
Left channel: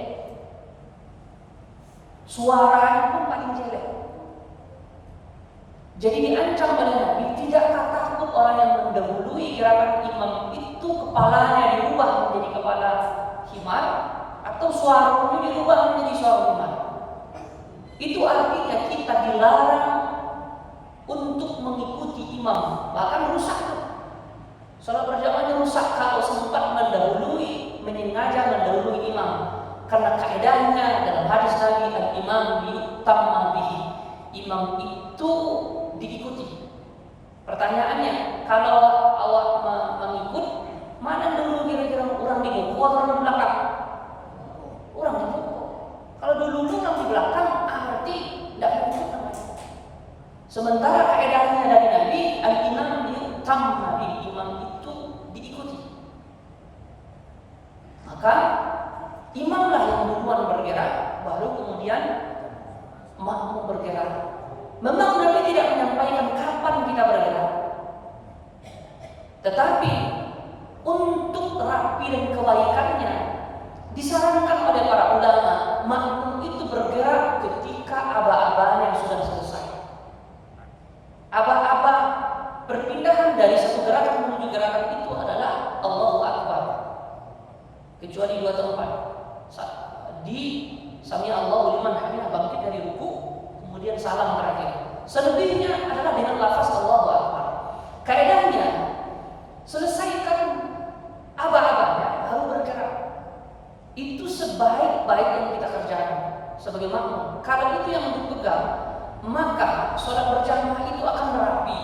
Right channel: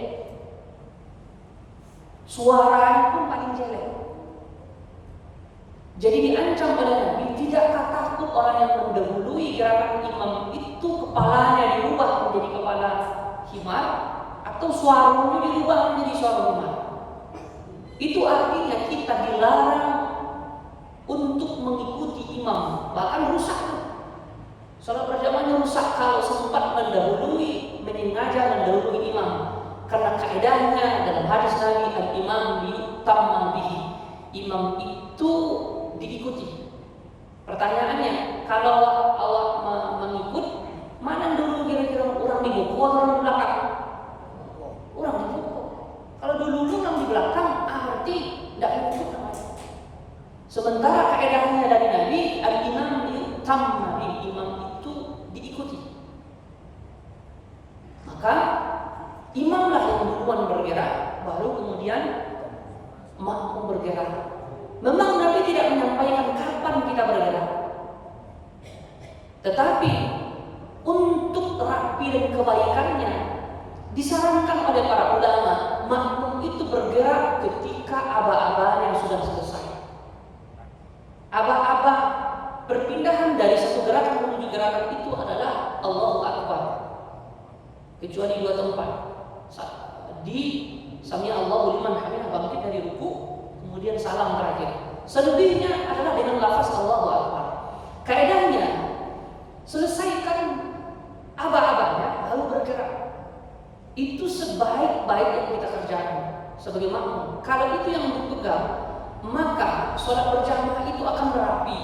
suaranya pun paling jelek. Jadi diancam oleh Nabi, tidakkah takut orang yang mendahului gerakan imam itu kepalanya dirubah menjadi kepala himar, atau suaranya dirubah menjadi suara himar. Itu artinya kita dilarang untuk mengikuti imam, bahkan rusak. Salat berjamaahnya rusak kalau sempat mendahului, menyengaja mendahului imam. Karena kaedahnya dalam hadis Nabi, al-imam yu'tamma bihi, imam itu diikuti. Pertanyaannya, kalau awak mengikut, mana dulu kira-kira orang di buku atau orang di belakang? Orang di buku. Kalau dulu orang di belakang, berarti tidak mengikut namanya. Sementara kaedahnya dari Nabi, al-imam yu'tamma bihi, imam itu diikuti. Maka imamlah yang duluan bergerak, baru kemudian makmum bergerak. Memang Nabi tidak menyampaikan kapan kita bergerak, tetapi untuk rapi dan kebaikannya disarankan oleh para ulama, makmum itu bergerak ketika aba-abanya sudah selesai. Aba-aba perpindahan dari satu gerakan menuju gerakan itu adalah Allahu Akbar, kecuali dua tempat. Di Sami Allahu liman hamidah, bangkit dari ruku, kemudian salam terakhir. Selebihnya adalah dengan lafaz Allahu Akbar. Kaedahnya selesaikan aba-abanya baru bergerak. Itu sebaik-baik yang kita kerjakan sebagai makmum. Kalau itu yang dipegang, maka sholat berjamaah itu akan rapi.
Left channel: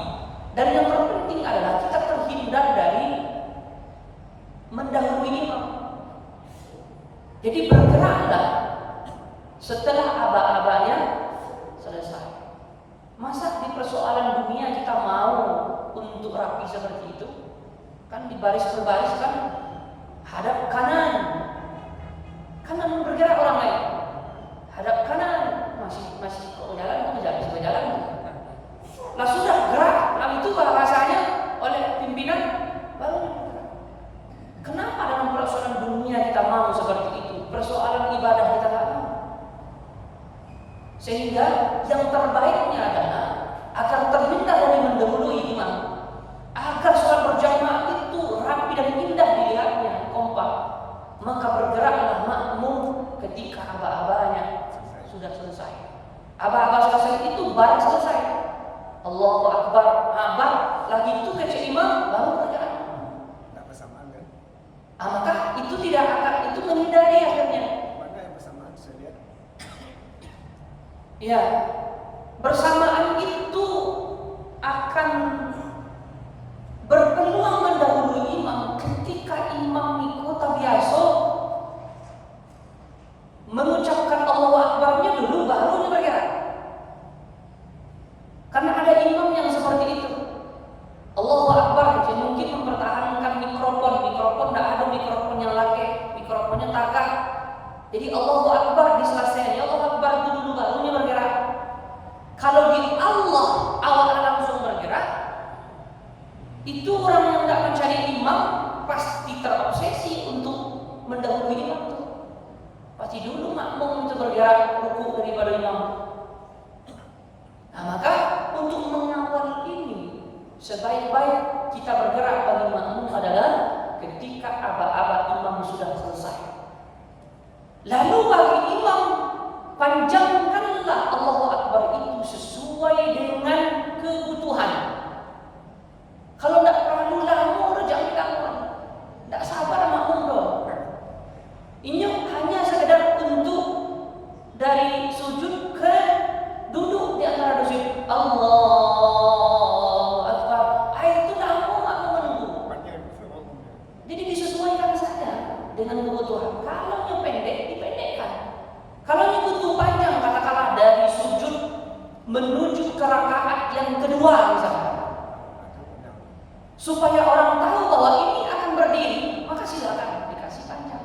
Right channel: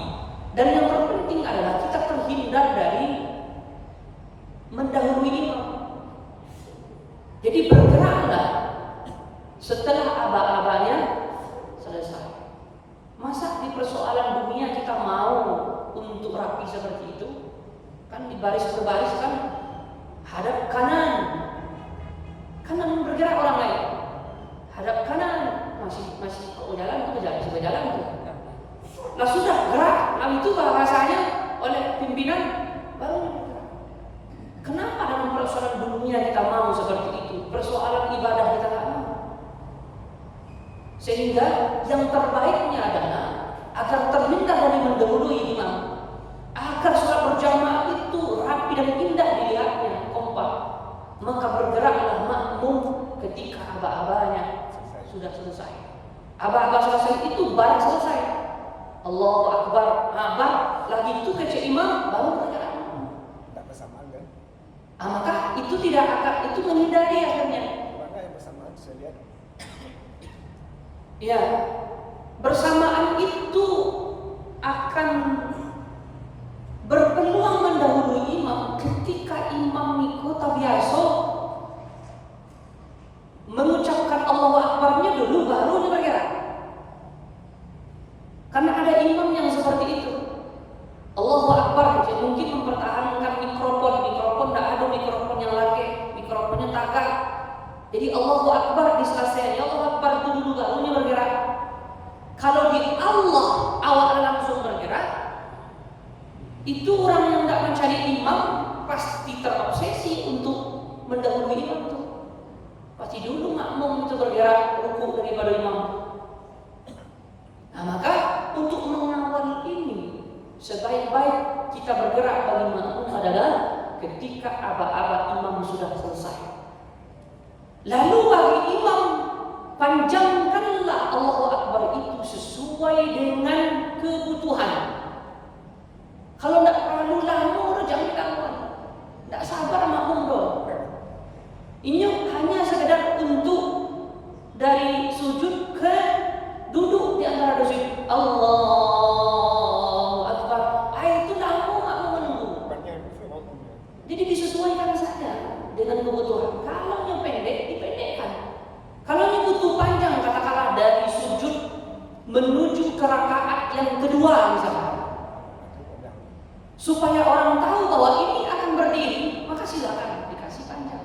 Dan yang terpenting adalah kita terhindar dari mendahului imam. Jadi bergeraklah setelah aba-abanya selesai. Masa di persoalan dunia kita mau untuk rapi seperti itu? Kan di baris berbaris kan hadap kanan, kanan bergerak orang lain. Hadap kanan masih kok jalan. Nah sudah gerak, lalu itu bahasanya oleh pimpinan baru bergerak. Kenapa dalam persoalan dunia kita mau seperti itu? Persoalan ibadah kita tak mau. Sehingga yang terbaiknya adalah agar terhindar dari mendahului imam, agar sholat berjamaah itu rapi dan indah dilihatnya, kompak, maka bergeraklah makmum ketika aba-abanya sudah selesai. Aba-aba selesai itu barang selesai, Allahu Akbar, abar lagi itu kecil imam baru bergerak. Tak bersamaan kan? Maka itu tidak akan, itu menghindari akhirnya. Mana yang bersamaan saya lihat? Ya, bersamaan itu akan berpeluang mendahului imam ketika imam mikota biasa mengucapkan Allahu Akbarnya dulu baru dia bergerak. Karena ada imam yang seperti itu. Allahu Akbar, jadi mungkin mempertahankan mikrofon tidak ada mikrofon yang laki, mikrofonnya takak. Jadi Allahu Akbar diselesaikan, Allahu Akbar itu dulu barunya bergerak. Kalau di Allah awalnya langsung bergerak, itu orang yang tidak mencari imam pasti terobsesi untuk mendahului imam itu. Pasti dulu makmum itu bergerak ruku daripada imam. Nah maka untuk mengawal ini, sebaik-baik kita bergerak bagi makmum adalah ketika aba-aba imam sudah selesai. Lalu bagi imam, panjangkan supaya orang tahu bahwa ini akan berdiri, maka silakan dikasih panjang.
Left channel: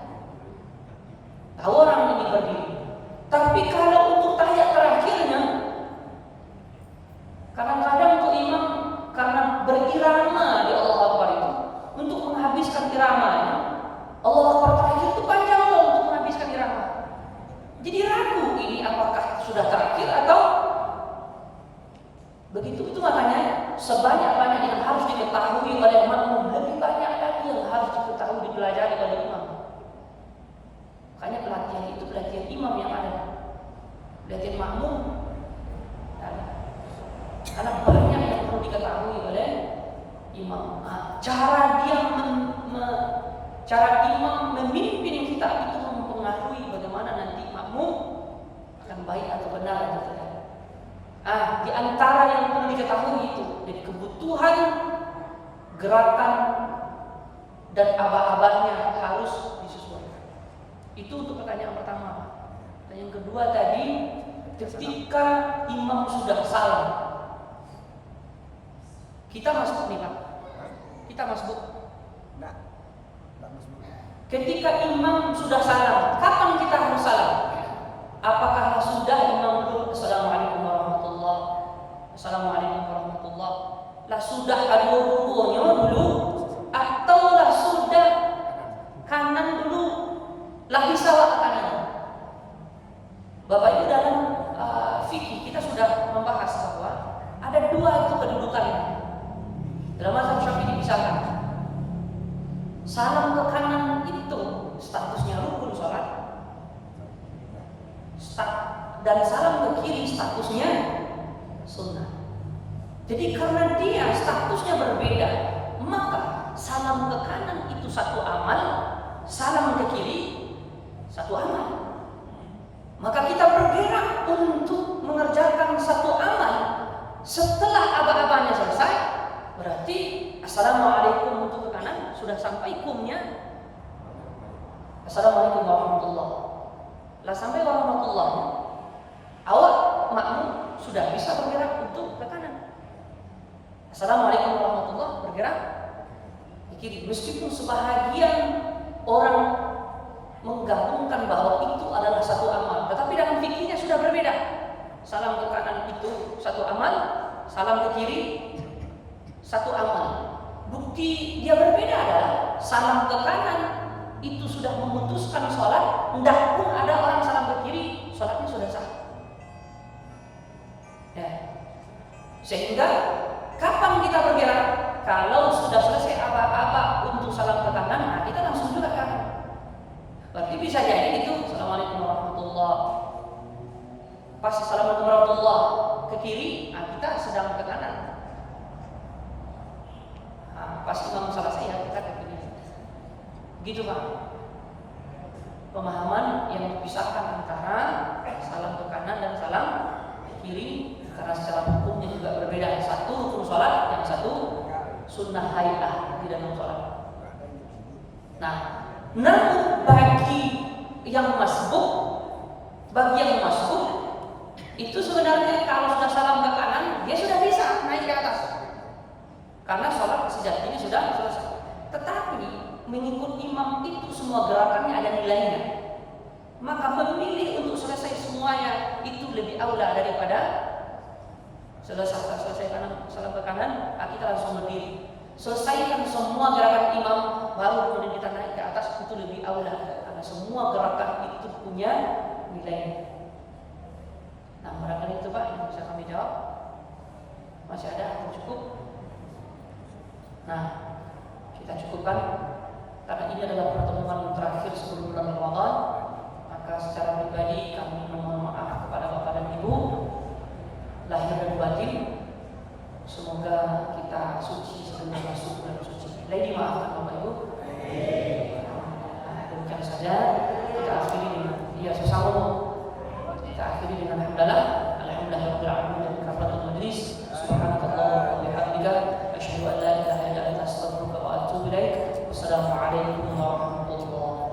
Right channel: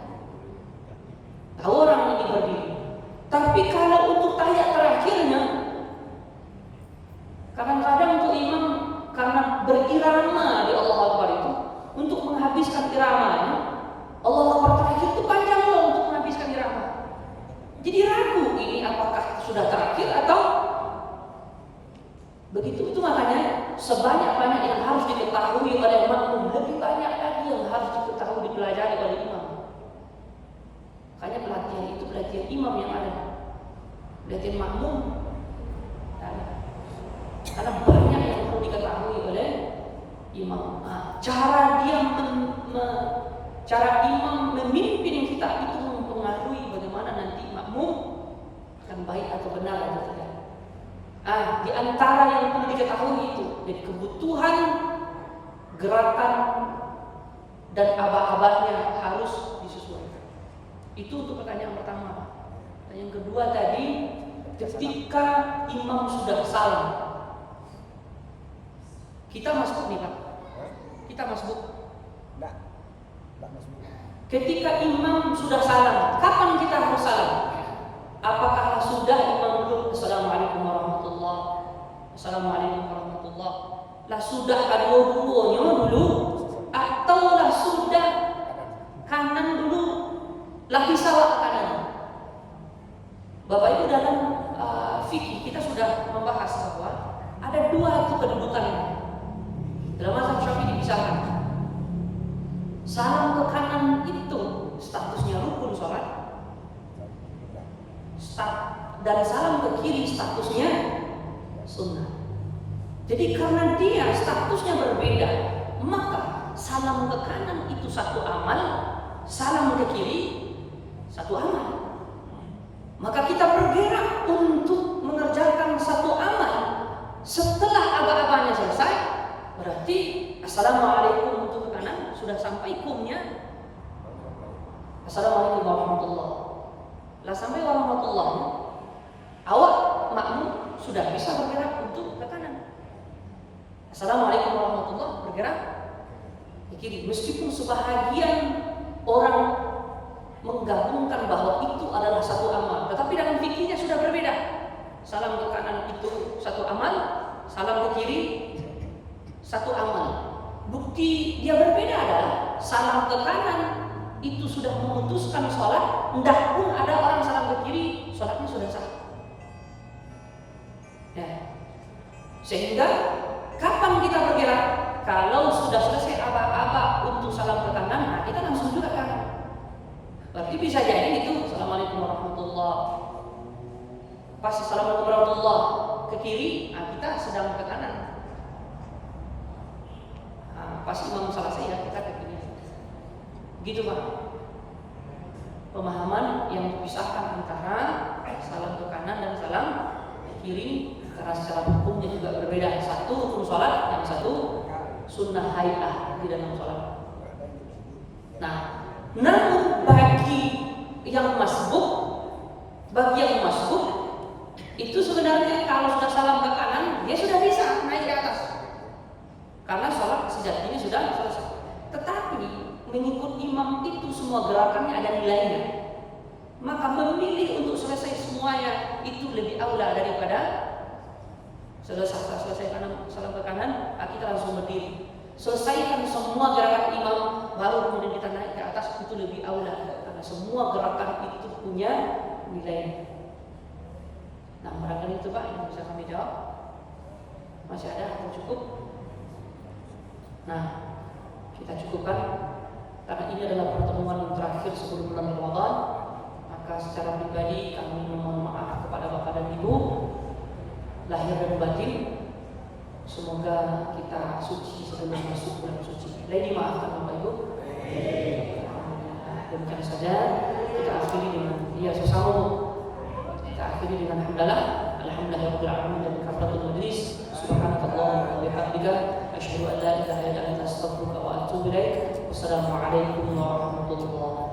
Tahu orang ini berdiri. Tapi kalau untuk tahiyat terakhirnya, kadang-kadang untuk imam karena berirama di Allah Akbar itu, untuk menghabiskan iramanya, Allah Akbar terakhir itu panjang loh untuk menghabiskan irama. Jadi ragu ini apakah sudah terakhir atau begitu. Itu makanya sebanyak-banyak yang harus diketahui oleh makmum, lebih banyak lagi yang harus diketahui, dipelajari oleh imam. Makanya pelatihan itu pelatihan imam yang ada, pelatihan makmum ada. Karena banyak yang perlu diketahui oleh imam. Cara imam memimpin kita itu mempengaruhi bagaimana nanti makmum akan baik atau benar atau tidak. Di antara yang perlu diketahui itu, jadi kebutuhan gerakan dan abah-abahnya harus disesuaikan. Itu untuk pertanyaan pertama. Dan yang kedua tadi, ketika imam sudah salam, kita masuk nih Pak. Kita masuk. Enggak masuk. Ketika imam sudah salam, kapan kita harus salam? Apakah sudah imam dulu Assalamualaikum warahmatullahi wabarakatuh, Assalamualaikum warahmatullahi wabarakatuh, lah sudah kedua-duanya dulu, atau lah sudah kanan dulu, lah bisa lah kanan? Bapak Ibu, dalam fikih kita sudah membahas bahwa ada dua itu kedudukannya. Dalam mazhab Syafi'i misalkan, salam ke kanan itu statusnya rukun sholat, dan salam ke kiri statusnya sunnah. Jadi karena dia statusnya berbeda, maka salam ke kanan itu satu amal, salam ke kiri satu amal. Maka kita bergerak untuk mengerjakan satu amal. Setelah aba-abanya selesai, berarti Assalamualaikum untuk ke kanan sudah sampai kumnya Assalamualaikum warahmatullahi wabarakatuh. Lah sampai warahmatullahi, awak makmum sudah bisa bergerak untuk ke kanan. Assalamualaikum warahmatullahi wabarakatuh, bergerak ke kiri. Meskipun sebahagian orang menggabungkan bahwa itu adalah satu amal, tetapi dalam fikihnya sudah berbeda. Salam ke kanan itu satu amal, salam ke kiri satu amal. Bukti dia berbeda adalah salam ke kanan itu sudah memutuskan sholat, hendak pun ada orang salam ke kiri, sholatnya sudah sah. Ya. Sehingga kapan kita bergerak? Kalau sudah selesai aba-aba untuk salam ke kanan, nah kita langsung juga ke kanan. Berarti bisa jadi itu Assalamualaikum warahmatullahi wabarakatuh. Pas Assalamualaikum warahmatullahi wabarakatuh ke kiri, nah kita sedang ke kanan. Pas imam selesai ya kita ke kiri. Gitu Pak. Pemahaman yang dipisahkan antara salam ke kanan dan salam ke kiri, karena secara hukumnya juga berbeda. Satu rukun sholat, yang satu sunnah hayah di dalam sholat. Nah, namun bagi yang masbuk itu sebenarnya kalau sudah salam ke kanan, dia sudah bisa naik ke atas. Karena sholat sejatinya sudah selesai. Tetapi mengikut imam itu semua gerakannya ada nilainya. Maka memilih untuk selesai semuanya itu lebih aula daripada selesai kanan, salam ke kanan, kita langsung berdiri. Selesaikan semua gerakan imam, baru kemudian kita naik ke atas, itu lebih aula. Karena semua gerakan itu punya nilainya. Nah, barangkali itu Pak yang bisa kami jawab. Masih ada atau cukup? Nah, kita cukupkan karena ini adalah pertemuan terakhir sebelum bulan Ramadan. Maka secara pribadi kami memohon maaf kepada Bapak dan Ibu lahir dan batin. Semoga kita suci sebelum masuk bulan suci. Lagi maafkan Bapak Ibu. Demikian saja kita akhiri dengan sesama. Kita akhiri dengan alhamdulillahirabbil alamin dan kafaratul majlis. Subhanallah wa bihamdika asyhadu an la ilaha illa anta astaghfiruka wa atubu ilaik. Wassalamualaikum warahmatullahi wabarakatuh.